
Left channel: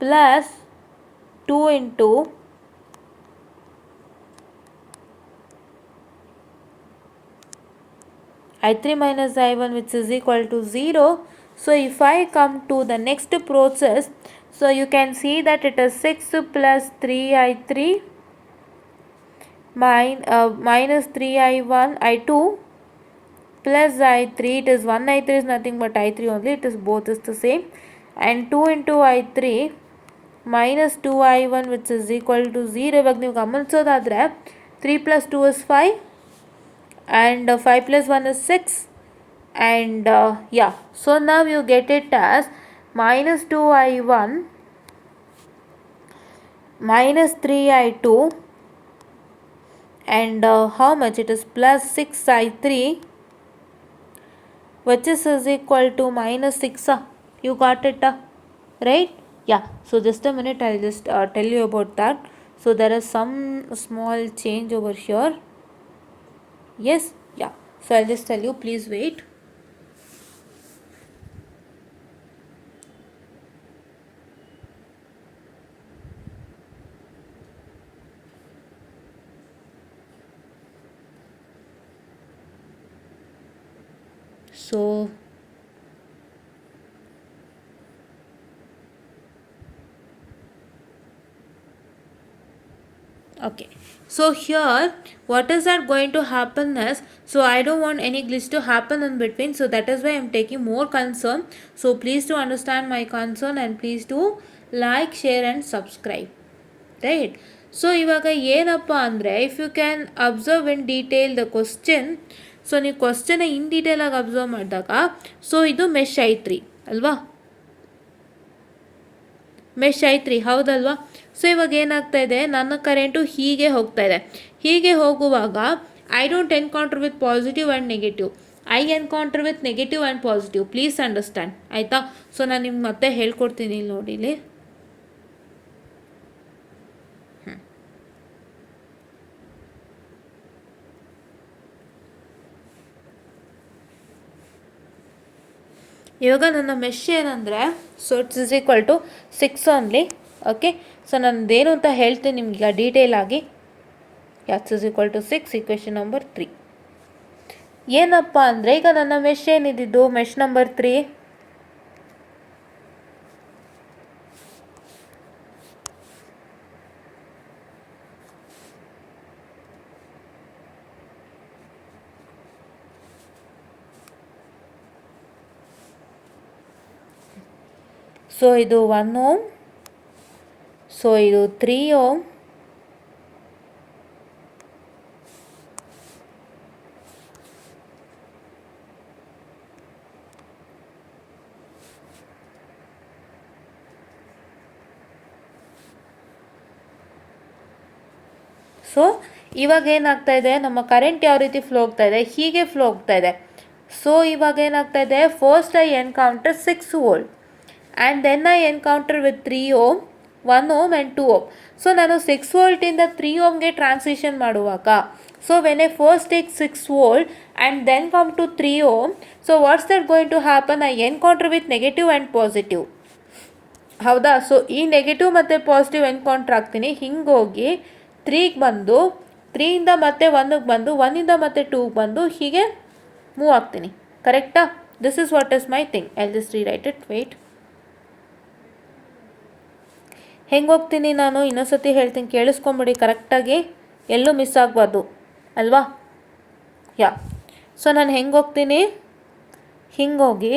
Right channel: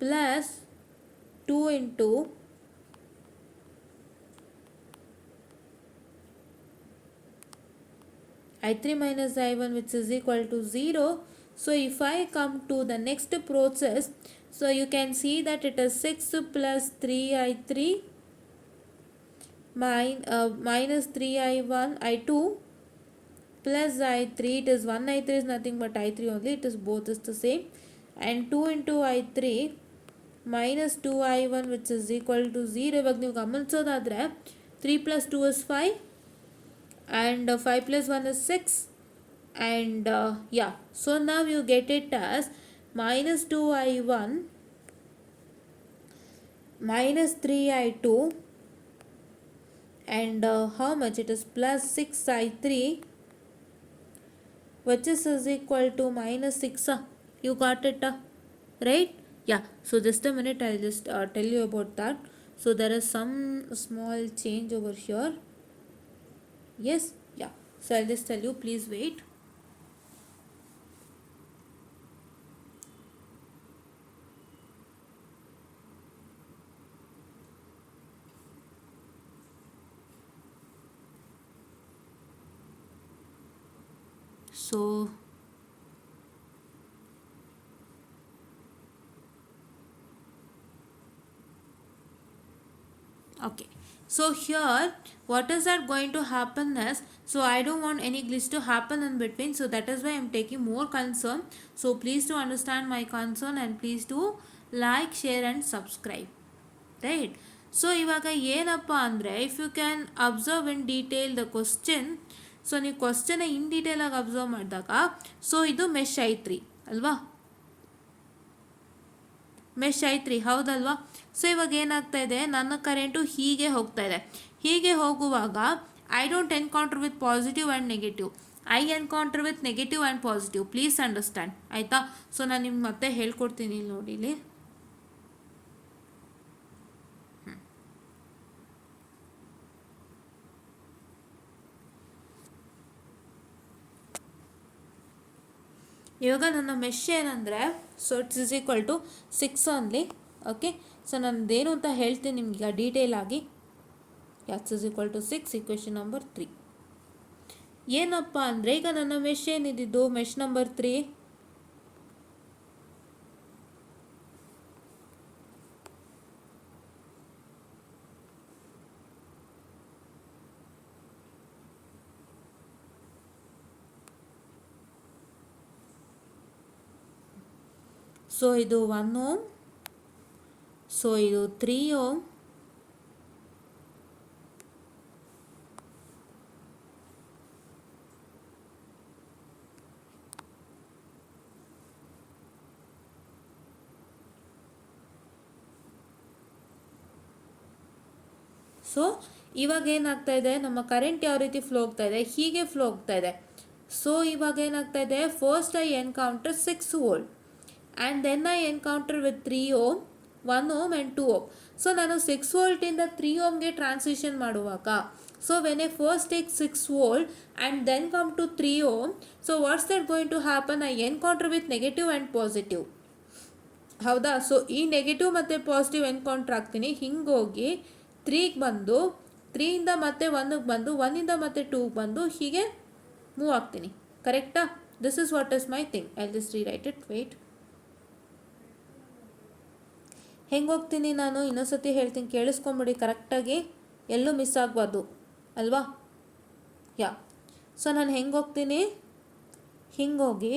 plus 2 into I3 minus I1, which is equal to 0. So if I come to the next process, so you can see that it is 6 plus 3I3 minus 3I1 I2 plus I3, it is 1 I3 is nothing but I3 only, it is both is the same, and 2 into I3 minus 2I1 which is equal to 0. ಇವಾಗ ನೀವು ಗಮನಿಸೋದಾದರೆ 3 plus 2 is 5 and 5 plus 1 is 6, and so now you get it as minus 2I1 minus 3I2 and how much it is plus 6I3 which is equal to minus 6. You got it, right? Yeah, so just a minute, I'll just tell you about that. So there is some small change over here. Yes, yeah, so I'll just tell you, please wait. So so Okay, so here what is that going to happen is, so I don't want any glitch to happen in between, so that is why I'm taking more concern. So please to understand my concern and please to like, share and subscribe, right? So ಇವಾಗ ಏನಪ್ಪ ಅಂದರೆ, if you can observe in detail the question, so ನೀವು ಕ್ವಶ್ಚನ್ನ in ಡೀಟೇಲಾಗಿ observe ಮಾಡಿದಾಗ, so ಇದು mesh I three ಅಲ್ವಾ, ಮೆಶ್ ಐತ್ರಿ ಹೌದಲ್ವಾ. ಸೊ ಇವಾಗ ಏನಾಗ್ತಾ ಇದೆ, ನನ್ನ ಕರೆಂಟು ಹೀಗೆ ಹೋಗ್ತಾ ಇದೆ. ಹೀಗೆ ಹೋಗುವಾಗ I don't encounter with positive and negative, I encounter with negative and positive. Please understand ಆಯಿತಾ. ಸೊ ನಾನು ನಿಮ್ಗೆ ಮತ್ತೆ ಹೇಳ್ಕೊಡ್ತೀನಿ ಇಲ್ಲಿ ನೋಡಿ. ಇಲ್ಲಿ ಇವಾಗ ನನ್ನ ಮೆಶ್ ಏನಂದರೆ, so it's is equal to 6 only. Okay, so ನನ್ನದೇನು ಅಂತ ಹೇಳ್ತೀನಿ ನಿಮ್ಗೆ ಡೀಟೇಲ್ ಆಗಿ. It's is equal to 6, equation number 3. ಏನಪ್ಪ ಅಂದರೆ, ಈಗ ನನ್ನ ಮೆಶ್ ಏನಿದ್ದು ಮೆಶ್ ನಂಬರ್ 3, ಸೊ ಇದು 1 ಓಮ್, ಸೊ ಇದು 3 ಓಮ್, ಸೊ ಇವಾಗ ಏನಾಗ್ತಾ ಇದೆ, ನಮ್ಮ ಕರೆಂಟ್ ಯಾವ ರೀತಿ ಫ್ಲೋ ಆಗ್ತಾ ಇದೆ, ಹೀಗೆ ಫ್ಲೋ ಆಗ್ತಾ ಇದೆ. ಸೊ ಇವಾಗ ಏನಾಗ್ತಾ ಇದೆ, first I encounter 6 volt and then I encounter with 3 ohm, 1 ohm and 2 ohm. So ನಾನು 6 ವೋಲ್ಟಿಂದ 3 ಓಮ್ಗೆ ಟ್ರಾನ್ಸಿಷನ್ ಮಾಡುವಾಗ, so when I first take 6 volt and then come to 3 ohm, so what's that going to happen, I encounter with negative and positive, ಹೌದಾ. So ಈ negative ಮತ್ತು positive encounter ಆಗ್ತೀನಿ. ಹಿಂಗೋಗಿ 3ಗೆ ಬಂದು, 3ಇಂದ ಮತ್ತೆ 1ಗೆ ಬಂದು, 1ಇಂದ ಮತ್ತೆ 2ಗೆ ಬಂದು, ಹೀಗೆ ಮೂವ್ ಆಗ್ತೀನಿ. ಕರೆಕ್ಟಾ? This is what is my thing. I just rewrite it. Wait, ಹೆಂಗೆ ಹೋಗ್ತೀನಿ ನಾನು ಇನ್ನೊಂದ್ಸತಿ ಹೇಳ್ತೀನಿ, ಕೇಳಿಸ್ಕೊಂಬಿಡಿ ಕರೆಕ್ಟಾಗಿ, ಎಲ್ಲೂ ಮಿಸ್ ಆಗಬಾರ್ದು ಅಲ್ವಾ. ಯಾ, ಸೊ ನಾನು ಹೆಂಗೆ ಹೋಗ್ತೀನಿ, ಹಿಂಗೋಗಿ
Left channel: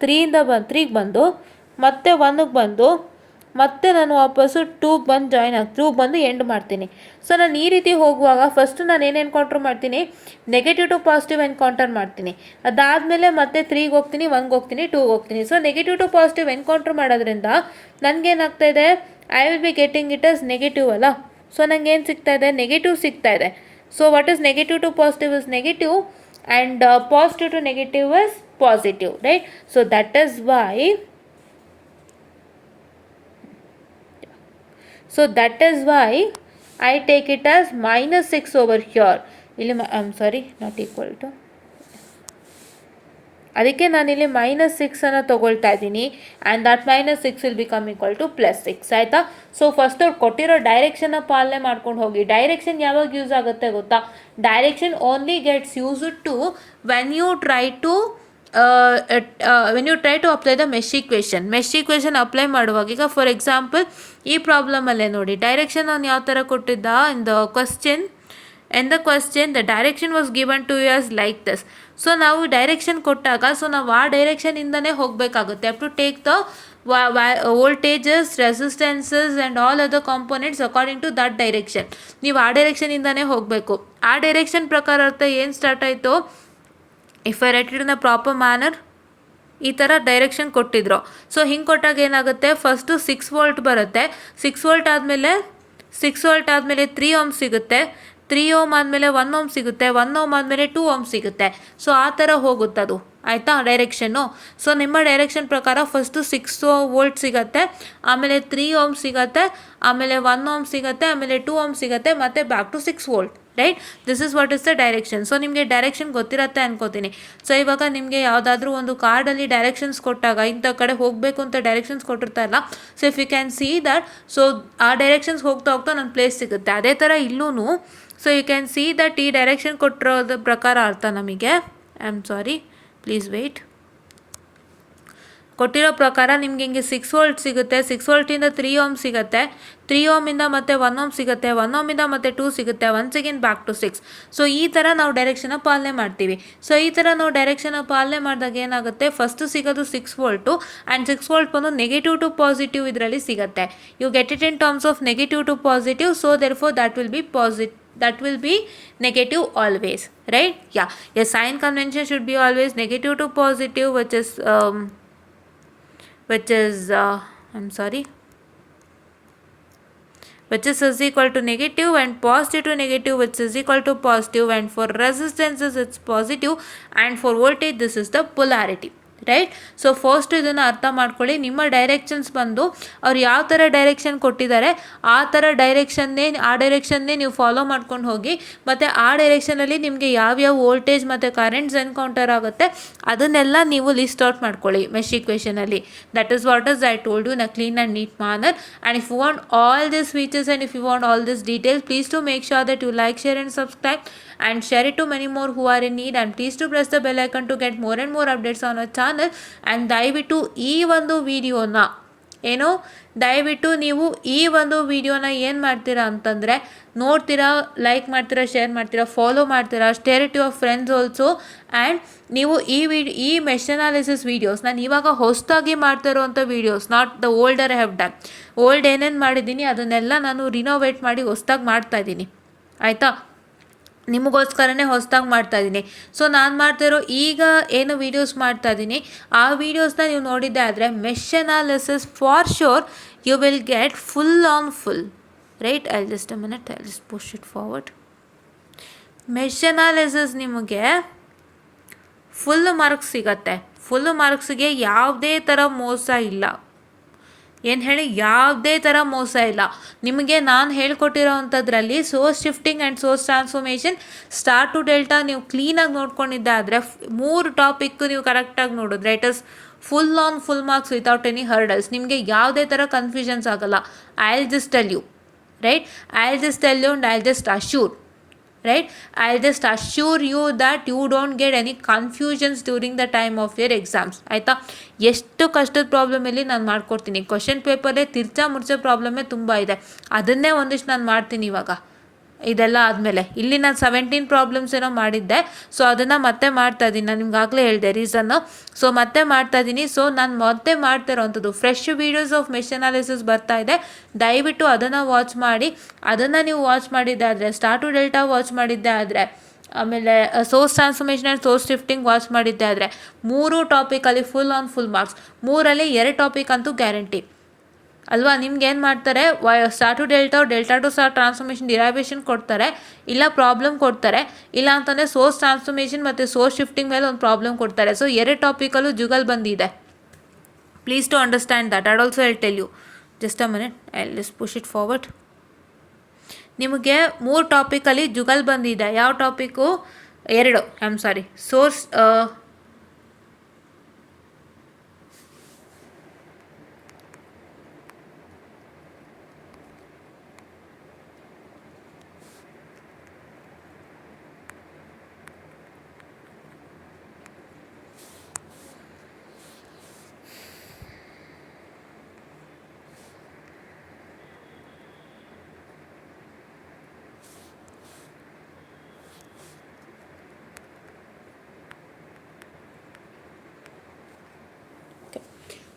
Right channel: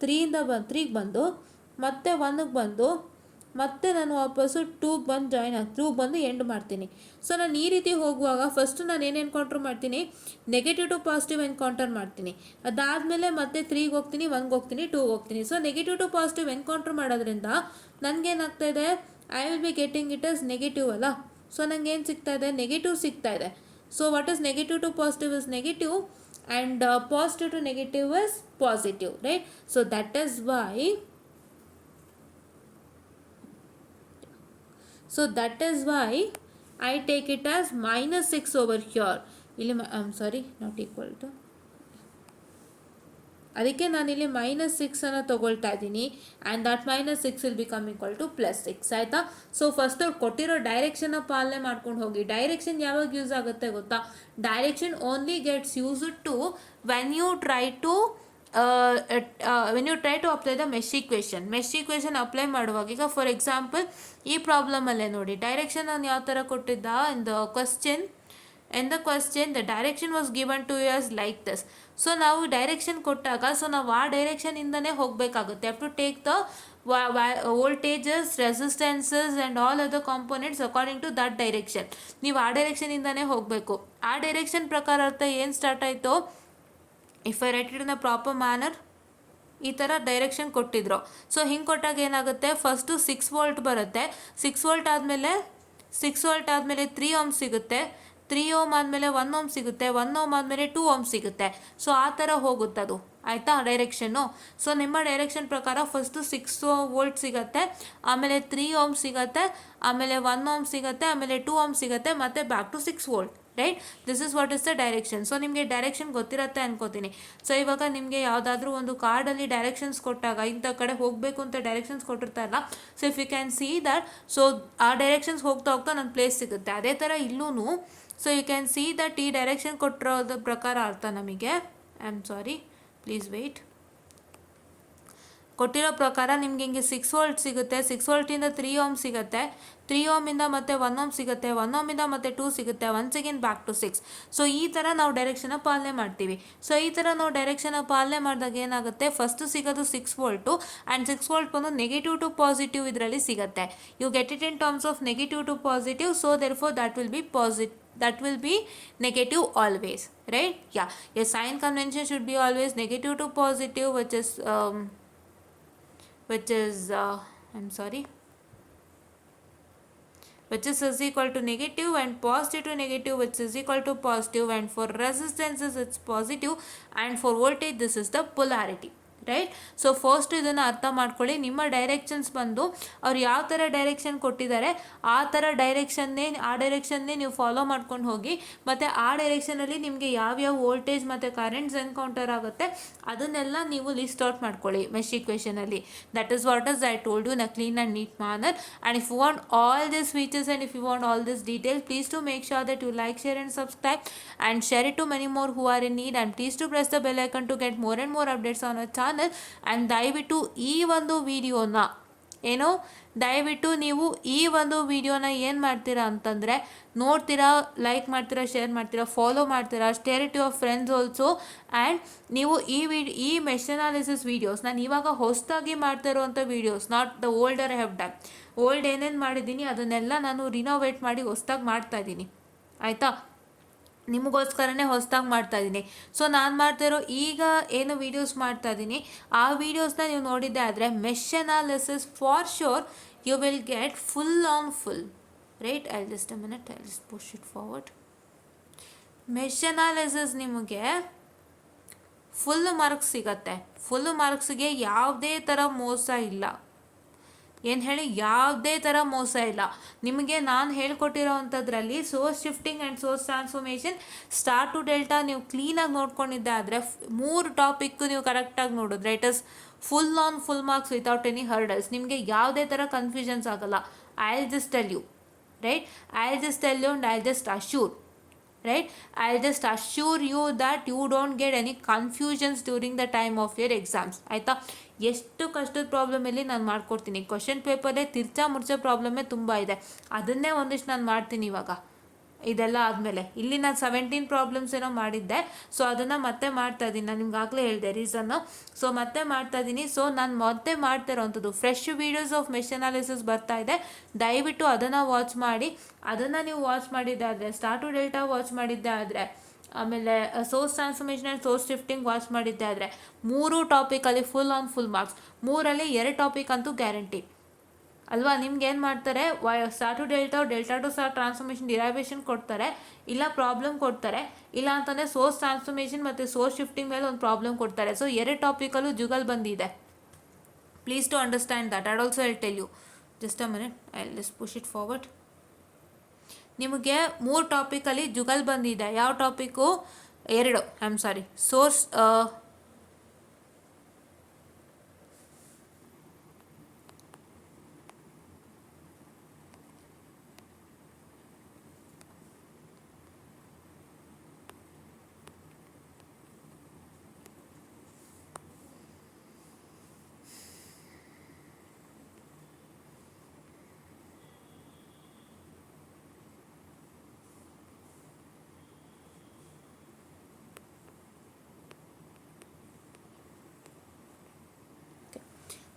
3ಗೆ ಬಂದು, ಮತ್ತೆ 1ಗೆ ಬಂದು, ಮತ್ತೆ ನಾನು ವಾಪಸ್ಸು 2ಗೆ ಬಂದು ಜಾಯ್ನ್ 2ಗೆ ಬಂದು ಎಂಡ್ ಮಾಡ್ತೀನಿ. ಸೊ ನಾನು ಈ ರೀತಿ ಹೋಗುವಾಗ ಫಸ್ಟು ನಾನು ಏನು ಎನ್ಕೌಂಟರ್ ಮಾಡ್ತೀನಿ, ನೆಗೆಟಿವ್ ಟು ಪಾಸಿಟಿವ್ ಎನ್ಕೌಂಟರ್ ಮಾಡ್ತೀನಿ. ಅದಾದಮೇಲೆ ಮತ್ತೆ 3ಗೆ ಹೋಗ್ತೀನಿ, 1ಗೆ ಹೋಗ್ತೀನಿ, 2ಗೆ ಹೋಗ್ತೀನಿ. So negative to positive encounter ಮಾಡೋದ್ರಿಂದ ನನಗೇನಾಗ್ತಾ ಇದೆ, I will be getting it as negative ಅಲ್ಲ. ಸೊ ನನಗೆ ಏನು ಸಿಗ್ತಾ ಇದೆ, ನೆಗೆಟಿವ್ ಸಿಗ್ತಾ ಇದೆ. So what is negative to positive is negative and positive to negative is positive, right. So that is why, so that is why I take it as -6 over here. ಇಲ್ಲಿ I'm sorry, not equal to, ಅದಕ್ಕೆ ನಾನಿಲ್ಲಿ -6 ತೊಗೊಳ್ತಾ ಇದ್ದೀನಿ. And that -6 will become equal to +6 ಆಯಿತಾ. So first ಅವ್ರು ಕೊಟ್ಟಿರೋ ಡೈರೆಕ್ಷನ್ನ ಪಾಲನೆ ಮಾಡ್ಕೊಂಡು ಹೋಗಿ. ಡೈರೆಕ್ಷನ್ ಯಾವಾಗ ಯೂಸ್ ಆಗುತ್ತೆ ಗೊತ್ತಾ, direction only gets used to when you try to apply the mesh equation apply ಮಾಡುವಾಗ. ಈಗ ಫಾರ್ ಎಕ್ಸಾಂಪಲ್ ಈ ಪ್ರಾಬ್ಲಮಲ್ಲೇ ನೋಡಿ, ಡೈರೆಕ್ಷನ್ ಅವ್ನು ಯಾವ ಥರ ಕೊಟ್ಟಿದ್ದ, in the question the direction was given to you as like this. So ನಾವು ಡೈರೆಕ್ಷನ್ ಕೊಟ್ಟಾಗ, ಸೊ ನಾವು ಆ ಡೈರೆಕ್ಷನಿಂದನೇ ಹೋಗಬೇಕಾಗುತ್ತೆ. Have to take the voltages, resistances and all other components according to that direction. ನೀವು ಆ ಡೈರೆಕ್ಷನಿಂದನೇ ಹೋಗಬೇಕು. ಆ ಡೈರೆಕ್ಷನ್ ಪ್ರಕಾರ ಅರ್ಥ ಏನು ಸ್ಟಾರ್ಟ್ ಆಯಿತು, if I right it in a proper manner, ಈ ಥರ ಡೈರೆಕ್ಷನ್ ಕೊಟ್ಟಿದ್ರು. ಸೊ ಹಿಂಗೆ ಕೊಟ್ಟಾಗ ಏನಾಗುತ್ತೆ, ಫಸ್ಟು 6 ವೋಲ್ಟ್ ಬರುತ್ತೆ. 6 ವೋಲ್ಟ್ ಆದಮೇಲೆ 3 ಓಮ್ ಸಿಗುತ್ತೆ. 3 ಓಮ್ ಆದಮೇಲೆ 1 ಓಮ್ ಸಿಗುತ್ತೆ. 1 ಓಮ್ ಆದಮೇಲೆ 2 ಓಮ್ ಸಿಗುತ್ತೆ. ಸೊ ಆ ಥರ ಹೋಗುತ್ತದು ಆಯಿತಾ ಡೈರೆಕ್ಷನ್ನು. ಸೊ ನಿಮ್ಮ ಡೈರೆಕ್ಷನ್ ಪ್ರಕಾರ ಫಸ್ಟು 6 ವೋಲ್ಟ್ ಸಿಗುತ್ತೆ, ಆಮೇಲೆ 3 ಓಮ್ ಸಿಗುತ್ತೆ, ಆಮೇಲೆ 1 ಓಮ್ ಸಿಗುತ್ತೆ, ಆಮೇಲೆ 2 ಓಮ್ ಸಿಗುತ್ತೆ, ಮತ್ತು back to 6 volt, right. This is what is the direction. So ನಿಮಗೆ ಡೈರೆಕ್ಷನ್ ಗೊತ್ತಿರುತ್ತೆ ಅನ್ಕೋತೀನಿ. ಸೊ ಇವಾಗ ನಿಮಗೆ ಯಾವುದಾದ್ರೂ ಒಂದು ಕಾರ್ಡಲ್ಲಿ ಡೈರೆಕ್ಷನ್ಸ್ ಕೊಟ್ಟಾಗ, ಇಂಥ ಕಡೆ ಹೋಗಬೇಕು ಅಂತ ಡೈರೆಕ್ಷನ್ಸ್ ಕೊಟ್ಟಿರ್ತಾರಲ್ಲ, so if you can see that, so ಆ ಡೈರೆಕ್ಷನ್ಸ್ ಹೋಗ್ತಾ ನನ್ನ ಪ್ಲೇಸ್ ಸಿಗುತ್ತೆ. ಅದೇ ಥರ ಇಲ್ಲೂ, so you can see that ಈ ಡೈರೆಕ್ಷನ್ ಕೊಟ್ಟಿರೋದ್ರ ಪ್ರಕಾರ ಅರ್ಥ ನಮಗೆ. I am sorry, please wait. ಕೊಟ್ಟಿರೋ ಪ್ರಕಾರ ನಿಮ್ಗೆ ಹಿಂಗೆ 6 ವೋಲ್ಟ್ ಸಿಗುತ್ತೆ, 6 ವೋಲ್ಟಿಂದ 3 ಓಮ್ ಸಿಗುತ್ತೆ, 3 ಓಮಿಂದ ಮತ್ತೆ 1 ಓಮ್ ಸಿಗುತ್ತೆ, 1 ಓಮಿಂದ ಮತ್ತೆ 2 ಸಿಗುತ್ತೆ, once again back to 6. So ಈ ಥರ ನಾವು ಡೈರೆಕ್ಷನ್ನ ಪಾಲನೆ ಮಾಡ್ತೀವಿ. ಸೊ ಈ ಥರ ನಾವು ಡೈರೆಕ್ಷನ್ನ ಪಾಲನೆ ಮಾಡಿದಾಗ ಏನಾಗುತ್ತೆ, ಫಸ್ಟ್ ಸಿಗೋದು 6 ವೋಲ್ಟು ಆ್ಯಂಡ್ 6 ವೋಲ್ಟ್ ಬಂದು ನೆಗೆಟಿವ್ ಟು ಪಾಸಿಟಿವ್ ಇದರಲ್ಲಿ ಸಿಗುತ್ತೆ. You get it in terms of negative to positive, so therefore that will be negative always, right? Yeah, a sign convention should be always negative to positive, which is which is equal to negative, and positive to negative, which is equal to positive, and for resistances it's positive, and for voltage this is the polarity, right. So first ಇದನ್ನು ಅರ್ಥ ಮಾಡ್ಕೊಳ್ಳಿ. ನಿಮ್ಮ ಡೈರೆಕ್ಷನ್ಸ್ ಬಂದು ಅವ್ರು ಯಾವ ಥರ ಡೈರೆಕ್ಷನ್ ಕೊಟ್ಟಿದ್ದಾರೆ ಆ ಡೈರೆಕ್ಷನ್ನೇ ನೀವು ಫಾಲೋ ಮಾಡ್ಕೊಂಡು ಹೋಗಿ, ಮತ್ತು ಆ ಡೈರೆಕ್ಷನಲ್ಲಿ ನಿಮಗೆ ಯಾವ್ಯಾವ ವೋಲ್ಟೇಜ್ ಮತ್ತು ಕರೆಂಟ್ಸ್ ಎನ್ಕೌಂಟರ್ ಆಗುತ್ತೆ ಅದನ್ನೆಲ್ಲ ನೀವು ಲಿಸ್ಟ್ ಔಟ್ ಮಾಡ್ಕೊಳ್ಳಿ ಮೆಶ್ ಇಕ್ವೇಷನಲ್ಲಿ. That is what is I told you in a clean and neat manner. And if you want all this features and if you want all this details, please to make sure that you like, share and subscribe and share it to many more who are in need, and please to press the bell icon to get more and more updates on our channel. And ದಯವಿಟ್ಟು ಈ ಒಂದು ವಿಡಿಯೋನ ದಯವಿಟ್ಟು ನೀವು ಈ ಒಂದು ವಿಡಿಯೋನ ಏನು ಮಾಡ್ತೀರಾ ಅಂತಂದರೆ ನೋಡ್ತೀರಾ, ಲೈಕ್ ಮಾಡ್ತೀರಾ, ಶೇರ್ ಮಾಡ್ತೀರಾ, ಫಾಲೋ ಮಾಡ್ತೀರಾ, share it your friends also. And ನೀವು ಈ ಮೆಶ್ ಅನಾಲಿಸಿಸ್ ವೀಡಿಯೋಸ್ ನಾನು ಇವಾಗ ಹೊಸದಾಗಿ ಮಾಡ್ತಾ ಇರೋವಂಥ videos, not the older have done. Old ಏನೇನು ಮಾಡಿದ್ದೀನಿ ಅದನ್ನೆಲ್ಲ ನಾನು ರಿನೋವೇಟ್ ಮಾಡಿ ಹೊಸದಾಗಿ ಮಾಡ್ತಾಯಿದ್ದೀನಿ, ಆಯಿತಾ? ನಿಮಗೋಸ್ಕರನೇ ಹೊಸದಾಗಿ ಮಾಡ್ತಾಯಿದ್ದೀನಿ. ಸೊ ನಾನು ಮಾಡ್ತಾಯಿರೋ ಈಗ ಏನು ವೀಡಿಯೋಸ್ ಮಾಡ್ತಾಯಿದ್ದೀನಿ ಆ ವೀಡಿಯೋಸ್ನ ನೀವು ನೋಡಿದ್ದೆ ಆದರೆ mesh analysis for sure you will get full on full, right? I just push it forward. Mesh analysis ನಿಮಗೆ ಫುಲ್ ಮಾರ್ಕ್ಸ್ ಸಿಗತ್ತೆ. ಫುಲ್ ಮಾರ್ಕ್ಸ್ಗೆ ಯಾವುದೇ ಥರ ಮೋಸ ಇಲ್ಲ. ಏನು ಹೇಳಿ, ಯಾವುದೇ ಥರ ಮೋಸ ಇಲ್ಲ. ನಿಮಗೆ ನಾನು ಹೇಳ್ಕೊಟ್ಟಿರೋ ಅಂಥದ್ರಲ್ಲಿ source shifting and source transformation star to delta ನೀವು ಕ್ಲೀನಾಗಿ ನೋಡ್ಕೊಂಡಿದ್ದೆ ಆದರೆ 3 ಟಾಪಿಕ್ ನೀವು ಕರೆಕ್ಟಾಗಿ ನೋಡಿದ್ರೆ it is full on full marks without any hurdles. ನಿಮಗೆ ಯಾವುದೇ ಥರ ಕನ್ಫ್ಯೂಷನ್ಸ್ ಆಗಲ್ಲ. I will just tell you, right? I will just tell you and I will just assure, right? I'll just assure you that you don't get any confusions during the time of your exams, ಆಯಿತಾ? ಎಷ್ಟು ಕಷ್ಟದ ಪ್ರಾಬ್ಲಮಲ್ಲಿ ನಾನು ಮಾಡ್ಕೊಡ್ತೀನಿ. ಕ್ವಶನ್ ಪೇಪರೇ ತಿರ್ಚಾ ಮುರ್ಚಾ ಪ್ರಾಬ್ಲಮ್ಮೇ ತುಂಬ ಇದೆ, ಅದನ್ನೇ ಒಂದಿಷ್ಟು ನಾನು ಮಾಡ್ತೀನಿ ಇವಾಗ. ಇದೆಲ್ಲ ಆದಮೇಲೆ ಇಲ್ಲಿ ನಾನು 17 ಪ್ರಾಬ್ಲಮ್ಸ್ ಏನೋ ಮಾಡಿದ್ದೆ, ಸೊ ಅದನ್ನು ಮತ್ತೆ ಮಾಡ್ತಾಯಿದ್ದೀನಿ. ನಾನು ನಿಮ್ಗಾಗಲೇ ಹೇಳಿದೆ ರೀಸನ್ನು. ಸೊ ಮತ್ತೆ ಮಾಡ್ತಾಯಿದ್ದೀನಿ. ಸೊ ನಾನು ಮತ್ತೆ ಮಾಡ್ತಾ ಇರೋವಂಥದ್ದು fresh videos of mesh analysis ಬರ್ತಾ ಇದೆ. ದಯವಿಟ್ಟು ಅದನ್ನು ವಾಚ್ ಮಾಡಿ. ಅದನ್ನು ನೀವು ವಾಚ್ ಮಾಡಿದ್ದೆ ಆದರೆ, ಸ್ಟಾರ್ ಟು ಡೆಲ್ಟಾ ವಾಚ್ ಮಾಡಿದ್ದೆ ಆದರೆ, ಆಮೇಲೆ source transformation and source shifting watch ಮಾಡಿದ್ದೆ ಆದರೆ 3 ಟಾಪಿಕಲ್ಲಿ ಫುಲ್ ಆನ್ ಫುಲ್ ಮಾರ್ಕ್ಸ್. 3ರಲ್ಲಿ 2 ಟಾಪಿಕ್ ಅಂತೂ ಗ್ಯಾರಂಟಿ ಅಲ್ವಾ? ನಿಮ್ಗೆ ಏನು ಮಾಡ್ತಾರೆ, star to delta, delta to star transformation derivation ಕೊಡ್ತಾರೆ, ಇಲ್ಲ ಪ್ರಾಬ್ಲಮ್ ಕೊಡ್ತಾರೆ, ಇಲ್ಲ ಅಂತಂದರೆ ಸೋರ್ಸ್ ಟ್ರಾನ್ಸ್ಫಾರ್ಮೇಷನ್ ಮತ್ತು ಸೋರ್ಸ್ ಶಿಫ್ಟಿಂಗ್ ಮೇಲೆ ಒಂದು ಪ್ರಾಬ್ಲಮ್ ಕೊಡ್ತಾರೆ. ಸೊ 2 ಟಾಪಿಕಲ್ಲೂ ಜುಗಲ್ ಬಂದಿದೆ. Please to understand that. I also I tell you. Just a minute, I let's push it forward. ನಿಮಗೆ 3 ಟಾಪಿಕಲ್ಲಿ ಜುಗಲ್ ಬಂದಿದೆ. ಯಾವ ಟಾಪಿಕ್ಕು? 2. I am sorry, source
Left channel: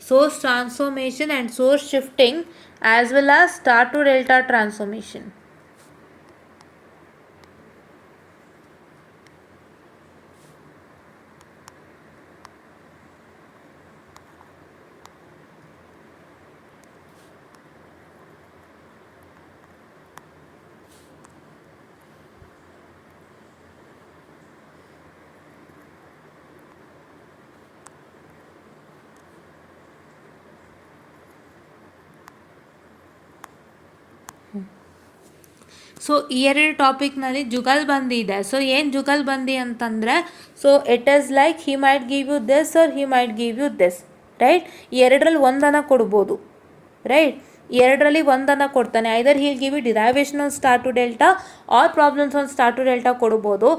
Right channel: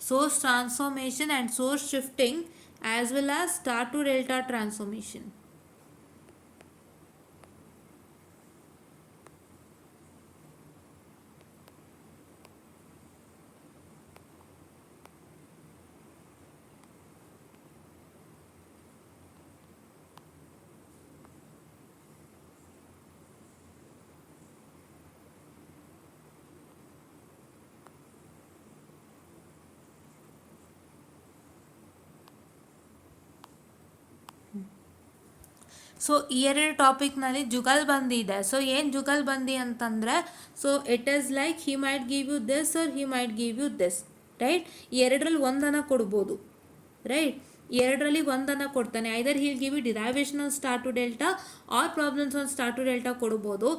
source transformation and source shifting as well as star to delta transformation. So ಈ 2 ಟಾಪಿಕ್ನಲ್ಲಿ ಜುಗಲ್ ಬಂದಿದೆ. ಸೊ ಏನು ಜುಗಲ್ ಬಂದಿ ಅಂತಂದರೆ, so it is like he might give you this or he might give you this, right? ಈ 2ರಲ್ಲಿ ಒಂದನ್ನು ಕೊಡ್ಬೋದು, ರೈಟ್? 2ರಲ್ಲಿ ಒಂದನ್ನು ಕೊಡ್ತಾನೆ. Either he'll give you derivation on star to delta or problems on star to delta ಕೊಡ್ಬೋದು.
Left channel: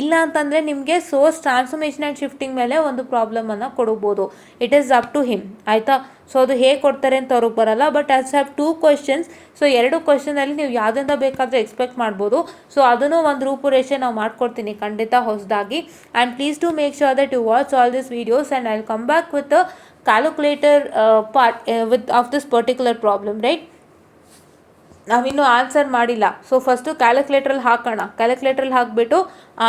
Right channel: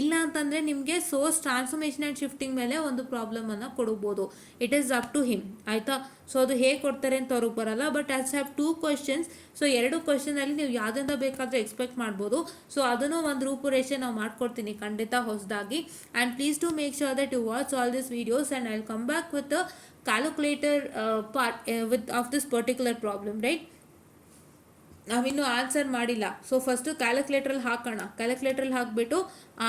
ಇಲ್ಲ ಅಂತಂದರೆ ನಿಮಗೆ ಸೋರ್ಸ್ ಟ್ರಾನ್ಸ್ಫಾರ್ಮೇಷನ್ ಆ್ಯಂಡ್ ಶಿಫ್ಟಿಂಗ್ ಮೇಲೆ ಒಂದು ಪ್ರಾಬ್ಲಮನ್ನು ಕೊಡ್ಬೋದು. It is up to him, ಆಯಿತಾ. ಸೊ ಅದು ಹೇಗೆ ಕೊಡ್ತಾರೆ ಅಂತ ಅವ್ರಿಗೆ ಬರಲ್ಲ. But as have 2 questions. So 2 ಕ್ವೆಶನಲ್ಲಿ ನೀವು ಯಾವುದರಿಂದ ಬೇಕಾದರೂ ಎಕ್ಸ್ಪೆಕ್ಟ್ ಮಾಡ್ಬೋದು. ಸೊ ಅದನ್ನು ಒಂದು ರೂಪುರೇಷೆ ನಾವು ಮಾಡ್ಕೊಡ್ತೀನಿ ಖಂಡಿತ ಹೊಸದಾಗಿ. And please to make sure that you watch all this videos and I will come back with a calculator part with of this particular problem, right. ನಾವಿನ್ನೂ ಆನ್ಸರ್ ಮಾಡಿಲ್ಲ. ಸೊ ಫಸ್ಟು ಕ್ಯಾಲ್ಕುಲೇಟ್ರಲ್ಲಿ ಹಾಕೋಣ. ಕ್ಯಾಲ್ಕುಲೇಟ್ರಲ್ಲಿ ಹಾಕಿಬಿಟ್ಟು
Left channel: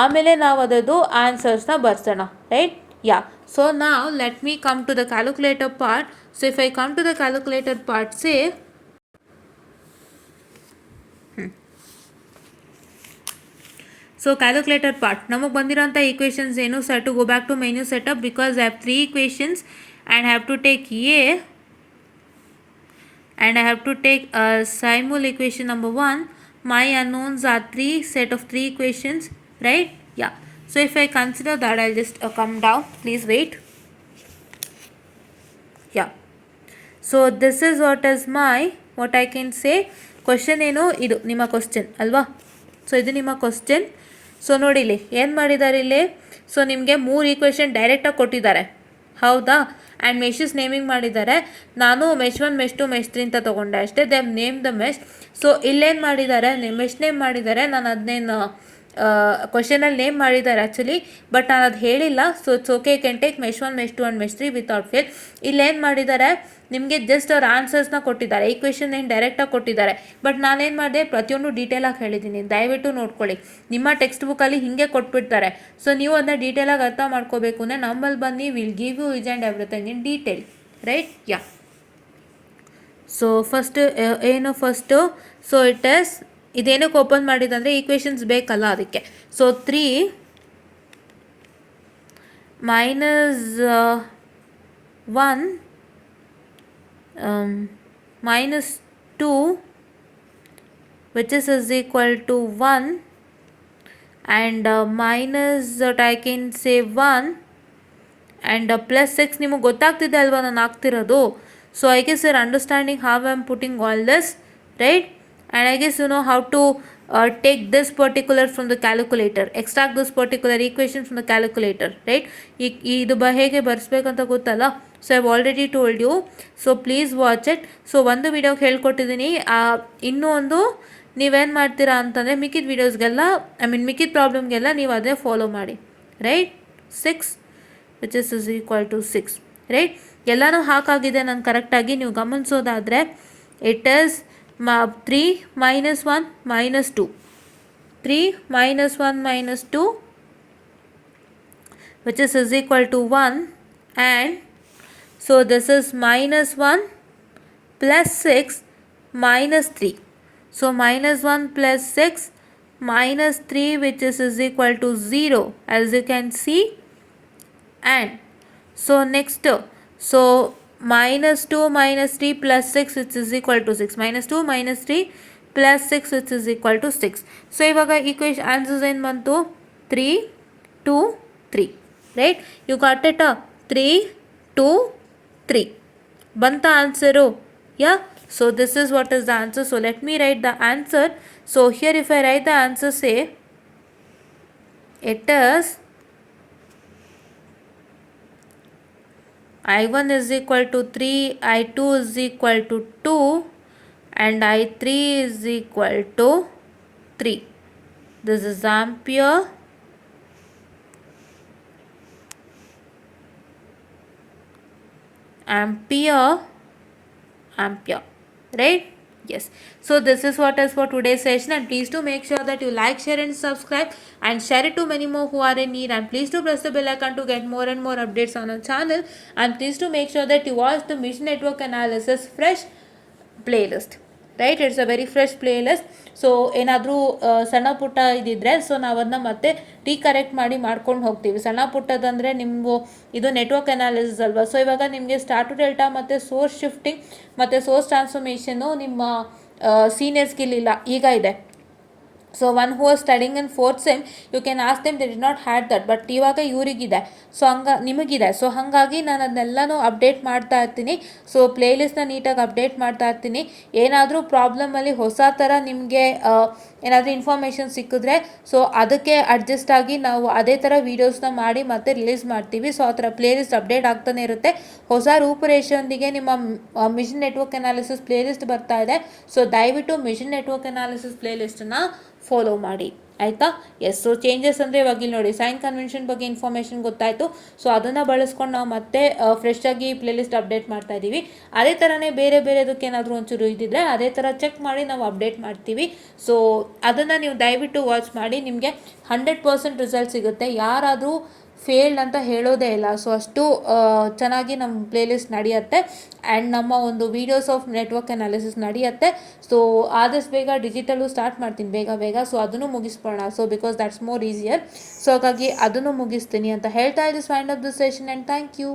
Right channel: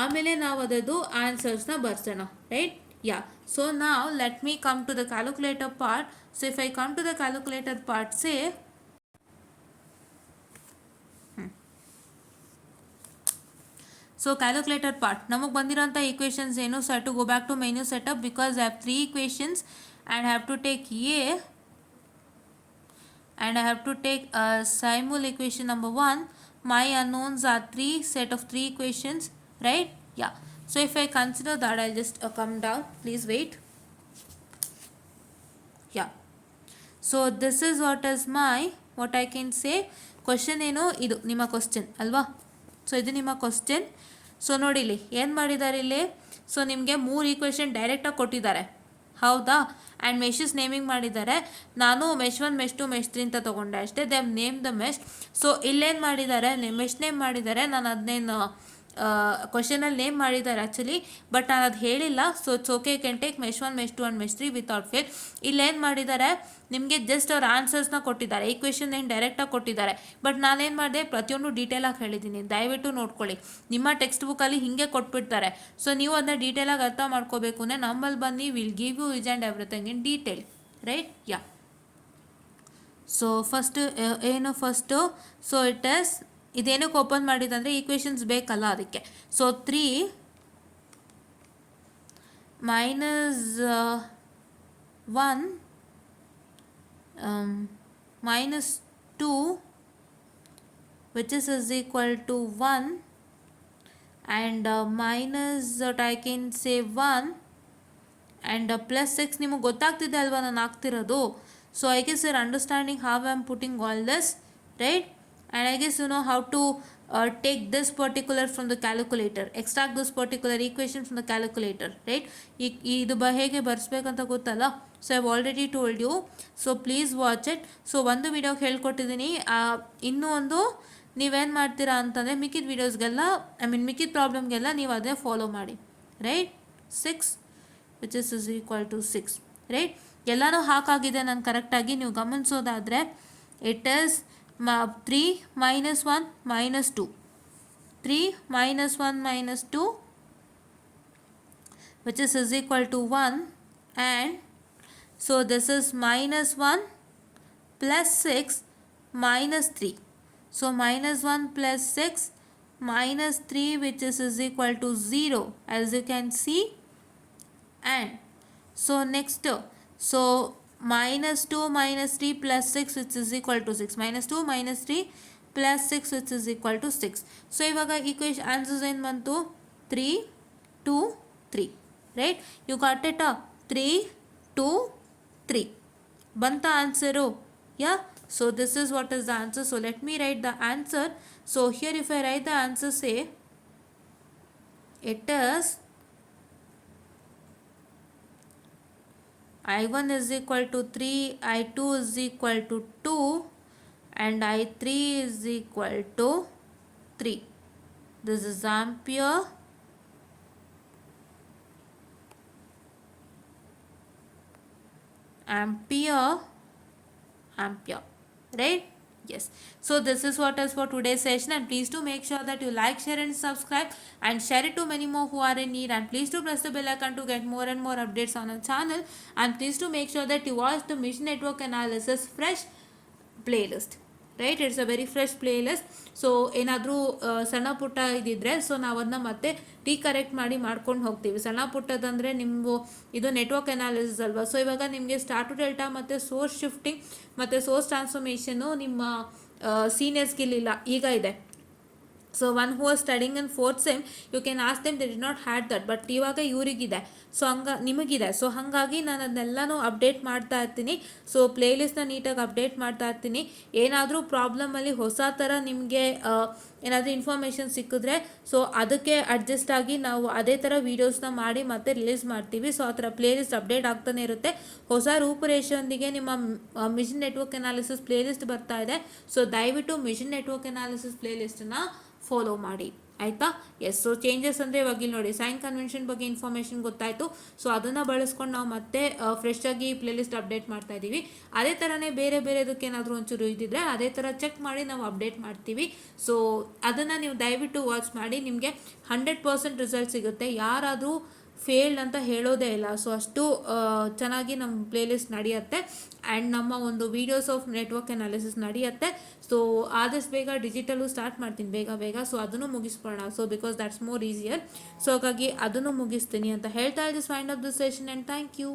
ಆಮೇಲೆ ನಾವು ಅದರದ್ದು ಆನ್ಸರ್ಸ್ನ ಬರ್ಸೋಣ, ರೈಟ್. ಯಾ, ಸೊ ನಾವು let me come to the calculator part. So if I come to the calculator part, say so calculator part ನಮಗೆ ಬಂದಿರೋಂಥ ಈಕ್ವೇಷನ್ಸ್ ಏನು? So to go back to menu setup because I have 3 equations and have to take a and I have to take simul equation number 1. My unknowns are 3 set of 3 equations, right? Yeah, so if I consider that, I'll just come down, please wait. Yeah, so this is what I can say question. ಏನು ಇದು ನಿಮ್ಮ ಕ್ವಶನ್ ಅಲ್ವಾ? ಸೊ ಇದು ನಿಮ್ಮ question. So ನೋಡಿ ಇಲ್ಲಿ ಏನು ಮಾಡಿದ್ದಾರೆ ಇಲ್ಲಿ. ಸೊ ನಿಮಗೆ 3 ಈಕ್ವೇಷನ್ ಡೈರೆಕ್ಟಾಗಿ ಕೊಟ್ಟಿದ್ದಾರೆ, ಹೌದಾ. ಆ್ಯಂಡ್ ಮೆಶಸ್ ನೇಮಿಂಗ್ ಮಾಡಿದ್ದಾರೆ. ನಾನು ಮೆಶ್ 1 ಮೆಶ್ 2 ಮೆಶ್ 3 ಅಂತ ತೊಗೊಂಡೆ ಅಷ್ಟೇ. They name the mesh. So ಇಲ್ಲೇನು ಮಾಡಿದ್ದಾರೆ, ಮೆಶ್ ನೇಮ್ ಮಾಡಿದ್ದಾರೆ. ನಾನು ಅದನ್ನೇನು ಕ್ವಶನಲ್ಲಿ ನೇಮ್ ಮಾಡಿದ್ದಾರೆ ಆ್ಯಕ್ಚುಲಿ, ಬಟ್ ನಾನು ಅದು ಹೇಳಿಲ್ಲ. So it's okay, can take mesh 1 ಮೆಶ್ 2 ಆ್ಯಂಡ್ ಮೆಶ್ 3 ವಿತೌಟ್ ಫೇಲ್. ಇಲ್ಲೇನು ಮಾಡಿದ್ದಾರೆ, ನಿಮಗೆ ಜಸ್ಟ್ ಅವ್ರ ಆನ್ಸರ್ಸ್ನ ಕೊಟ್ಟಿದ್ದಾರೆ, ಈಕ್ವೇಷನ್ ಏನು ಡೈರೆಕ್ಟಾಗಿ ಕೊಟ್ಟಿದ್ದಾರೆ. ಬಟ್ ನಾನೇನು ಮಾಡಿದೆ, ಪ್ರತಿಯೊಂದು ಡೀಟೇಲಾಗಿ ಹೇಳಿದ್ದೀನಿ, ದಯವಿಟ್ಟು ನೋಡ್ಕೊಳ್ಳಿ. ನಿಮ್ಮ ಟೆಕ್ಸ್ಟ್ ಬುಕ್ಕಲ್ಲಿ ಹೀಗೆ ಕೊಟ್ಬಿಡ್ತಾರೆ. ಸೊ ನೀವು ಅದನ್ನ ಡೀಟೇಲಾಗಿ ಅರ್ಥ ಮಾಡ್ಕೋಬೇಕು ಅಂದರೆ ನಮ್ಮಲ್ಲಿ ಬನ್ನಿ, will give you each and everything in detail, right. Yeah, so first so it is ಇದೇನಕ್ಕೆ ಓಪನ್ ಮಾಡಿದಂದರೆ ಈಕ್ವೇಷನ್ಸ್ ಬೇಕಲ್ಲ ಅದಕ್ಕೆ. ಸೊ 3 minus 1 minus 2 which is equal to 1 and minus that I can say 1 and plus 6. ನಿಮಗೆ ಗೊತ್ತಾಗ್ತಿದೆ ಅಲ್ವಾ ನಾನು ಆಗ್ತಿರೋದು. So I guess you're understanding how I'm putting all this, right? And I guess you know how to take this particular from the calculator, extract this particular equation from the calculator, right? ಇದು ಹೇಗೆ ಬರ್ಸ್ಬೇಕಂತ ಗೊತ್ತಲ್ಲ. So I've already told you, so please watch it. So ಒಂದು ವಿಡಿಯೋಗೆ ಹೇಳ್ಕೊಟ್ಟಿದ್ದೀನಿ. ಇನ್ನೂ ಒಂದು ನೀವೇನು ಮಾಡ್ತೀರಾ ಅಂತಂದರೆ ಮಿಕ್ಕಿದ ವೀಡಿಯೋಸ್ಗೆಲ್ಲ ಮಿಕ್ಕಿದ ಪ್ರಾಬ್ಲಮ್ಗೆಲ್ಲ ನೀವು ಅದೇ ಫಾಲೋ ಮಾಡಿ, ರೈಟ್. 6 which is equal to 6, ರೈಟ್. ಎಲ್ಲನೂ ಹಾಕಾಗಿದೆ ನಾನು ಕರೆಕ್ಟಾಗಿ. ನೀವು ಗಮನಿಸೋದಾದರೆ ಇಟ್ ಈಸ್ 3 minus 1 minus 2, 3 minus 1 minus 2 which is equal to 1, and so this is minus 1 plus 6 minus 3. So minus 1 plus 6 minus 3 which is equal to 0, as you can see. And so next, so minus 2 minus 3 plus 6 which is equal to 6, minus 2 minus 3 plus 6 which is equal to 6. ಸೊ ಇವಾಗ equation answers ಏನು ಬಂತು, 3 2 3, right. You got it. 3 2 3 ಬಂತ ಆನ್ಸರು. ಯಾ, so this is what is the answer. So let me right the answer. So here if I right the answer, say it is I1 is equal to 3, I2 is equal to 2 and I3 is equal to 3. This is ampere, right? Yes. So this is what is for today's session, and please do make sure that you like, share and subscribe and share it to many more who are in need, and please do press the bell icon to get more and more updates on our channel, and please do make sure that you watch the mission network analysis fresh playlist, right? It's a very fresh playlist. So ಏನಾದರೂ ಸಣ್ಣ ಪುಟ್ಟ ಇದ್ದಿದ್ರೆ ಸೊ ನಾವು ಅದನ್ನ ಮತ್ತೆ ರೀಕರೆಕ್ಟ್ ಮಾಡ್ಕೊಂಡು ಹೋಗ್ತೀವಿ. ಸಣ್ಣ ಪುಟ್ಟದಂದರೆ ನೀವು ಇದು ನೆಟ್ವರ್ಕ್ ಅನಾಲಿಸಿಸ್ ಅಲ್ವಾ. ಸೊ ಇವಾಗ ನಿಮಗೆ ಸ್ಟಾರ್ ಟು ಡೆಲ್ಟಾ ಮತ್ತು ಸೋರ್ಸ್ ಶಿಫ್ಟಿಂಗ್ ಮತ್ತು ಸೋರ್ಸ್ ಟ್ರಾನ್ಸ್ಫಾರ್ಮೇಷನ್ನು ನಿಮ್ಮ ಸೀನಿಯರ್ಸ್ಗಿಲ್ಲ, ಈಗ ಇದೆ. So one who are studying in 4th sem, you can ask them, they did not had that, but ಇವಾಗ ಇವರಿಗಿದೆ. ಸೊ ನಿಮಗಿದೆ. ಸೊ ಹಾಗಾಗಿ ನಾನು ಅದನ್ನೆಲ್ಲನೂ ಅಪ್ಡೇಟ್ ಮಾಡ್ತಾ ಇರ್ತೀನಿ. ಸೊ ಪ್ಲೇಲಿಸ್ಟ್ನ ನೀಟಾಗಿ ಅಪ್ಡೇಟ್ ಮಾಡ್ತಾ ಇರ್ತೀನಿ. ಏನಾದರೂ ಪ್ರಾಬ್ಲಮಲ್ಲಿ ಹೊಸ ಥರ ನಿಮಗೆ ಏನಾದರೂ ಇನ್ಫಾರ್ಮೇಷನ್ ಸಿಕ್ಕಿದ್ರೆ ಸೊ ಅದಕ್ಕೆ ಅಡ್ಜಸ್ಟ್ ಆಗಿ ನಾವು ಅದೇ ಥರ ವೀಡಿಯೋಸ್ನ ಮಾಡಿ ಮತ್ತೆ ರಿಲೀಸ್ ಮಾಡ್ತೀವಿ. ಸೊ ಆ ಥರ ಪ್ಲೇಲಿಸ್ಟ್ ಅಪ್ಡೇಟ್ ಆಗ್ತಾನೆ ಇರುತ್ತೆ. ಹೊಸ ರೂಪುರೇಷೆಯೊಂದಿಗೆ ನಿಮ್ಮ ಮಿಷನ್ ನೆಟ್ವರ್ಕ್ ಅನಾಲಿಸಿಸ್ ಪ್ಲೇಲಿಸ್ಟ್ ಬರ್ತಾ ಇದೆ. ಸೊ ದಯವಿಟ್ಟು ಮಿಷನ್ ನೆಟ್ವರ್ಕ್ ಅನಾಲಿಸಿಸ್ ಪ್ಲೇಲಿಸ್ಟನ್ನು ಫಾಲೋ ಮಾಡಿ, ಆಯಿತಾ. ಎಸ್, ಸೊ ಚೇಂಜಸ್ ಅಂದರೆ ಇವಾಗ ಇಲ್ಲಿ ನೋಡಿ ಸೈನ್ ಕನ್ವೆನ್ಷನ್ ಬಗ್ಗೆ ಇನ್ಫಾರ್ಮೇಷನ್ ಗೊತ್ತಾಯಿತು. ಸೊ ಅದನ್ನು ಬಳಸ್ಕೊಂಡು ನಾವು ಮತ್ತೆ ಫ್ರೆಶ್ ಆಗಿ ಪ್ಲೇಲಿಸ್ಟ್ ಅಪ್ಡೇಟ್ ಮಾಡ್ತಾ ಇದ್ದೀವಿ. ಅದೇ ಥರನೇ ಬೇರೆ ಬೇರೆದಕ್ಕೆ ಏನಾದರೂ ಒಂಚೂರು ಇದ್ದಿದ್ರೆ ಅದೇ ಥರ ಚೆಕ್ ಮಾಡಿ ನಾವು ಅಪ್ಡೇಟ್ ಮಾಡ್ತೀವಿ. ಸೊ ಅದನ್ನು ನೀವು ದಯವಿಟ್ಟು ವಾಚ್ ಮಾಡಿ, ನಿಮಗೆ 100% ರಿಸಲ್ಟ್ ಸಿಗುತ್ತೆ. ಯಾರಾದರೂ ಫೇಲ್ಡ್ ಅಂತ ಹೇಳೋದೇ ಇಲ್ಲ. ಸೊ ಅಷ್ಟು ಚೆನ್ನಾಗಿ ನಮ್ಮ ಪ್ಲೇಲಿಸ್ಟ್ ನಡೆಯುತ್ತೆ ಆ್ಯಂಡ್ ನಮ್ಮ ಒಂದು ವೀಡಿಯೋಸ್ ಆಫ್ ನೆಟ್ವರ್ಕ್ ಅನಾಲಿಸಿಸ್ ನಡೆಯುತ್ತೆ. ಸೊ ಆದಷ್ಟು ಬೇಗ ಡಿಜಿಟಲು ಸ್ಟಾರ್ಟ್ ಮಾಡ್ತೀನಿ ಬೇಗ. ಸೊ ಅದನ್ನು ಮುಗಿಸ್ಬೋಣ. So because that's more easier. So ಹಾಗಾಗಿ ಅದನ್ನು ಮುಗಿಸ್ತೀನಿ ಅಂತ ಹೇಳ್ತಾ ಇದ್ದು wind up the session and thank you.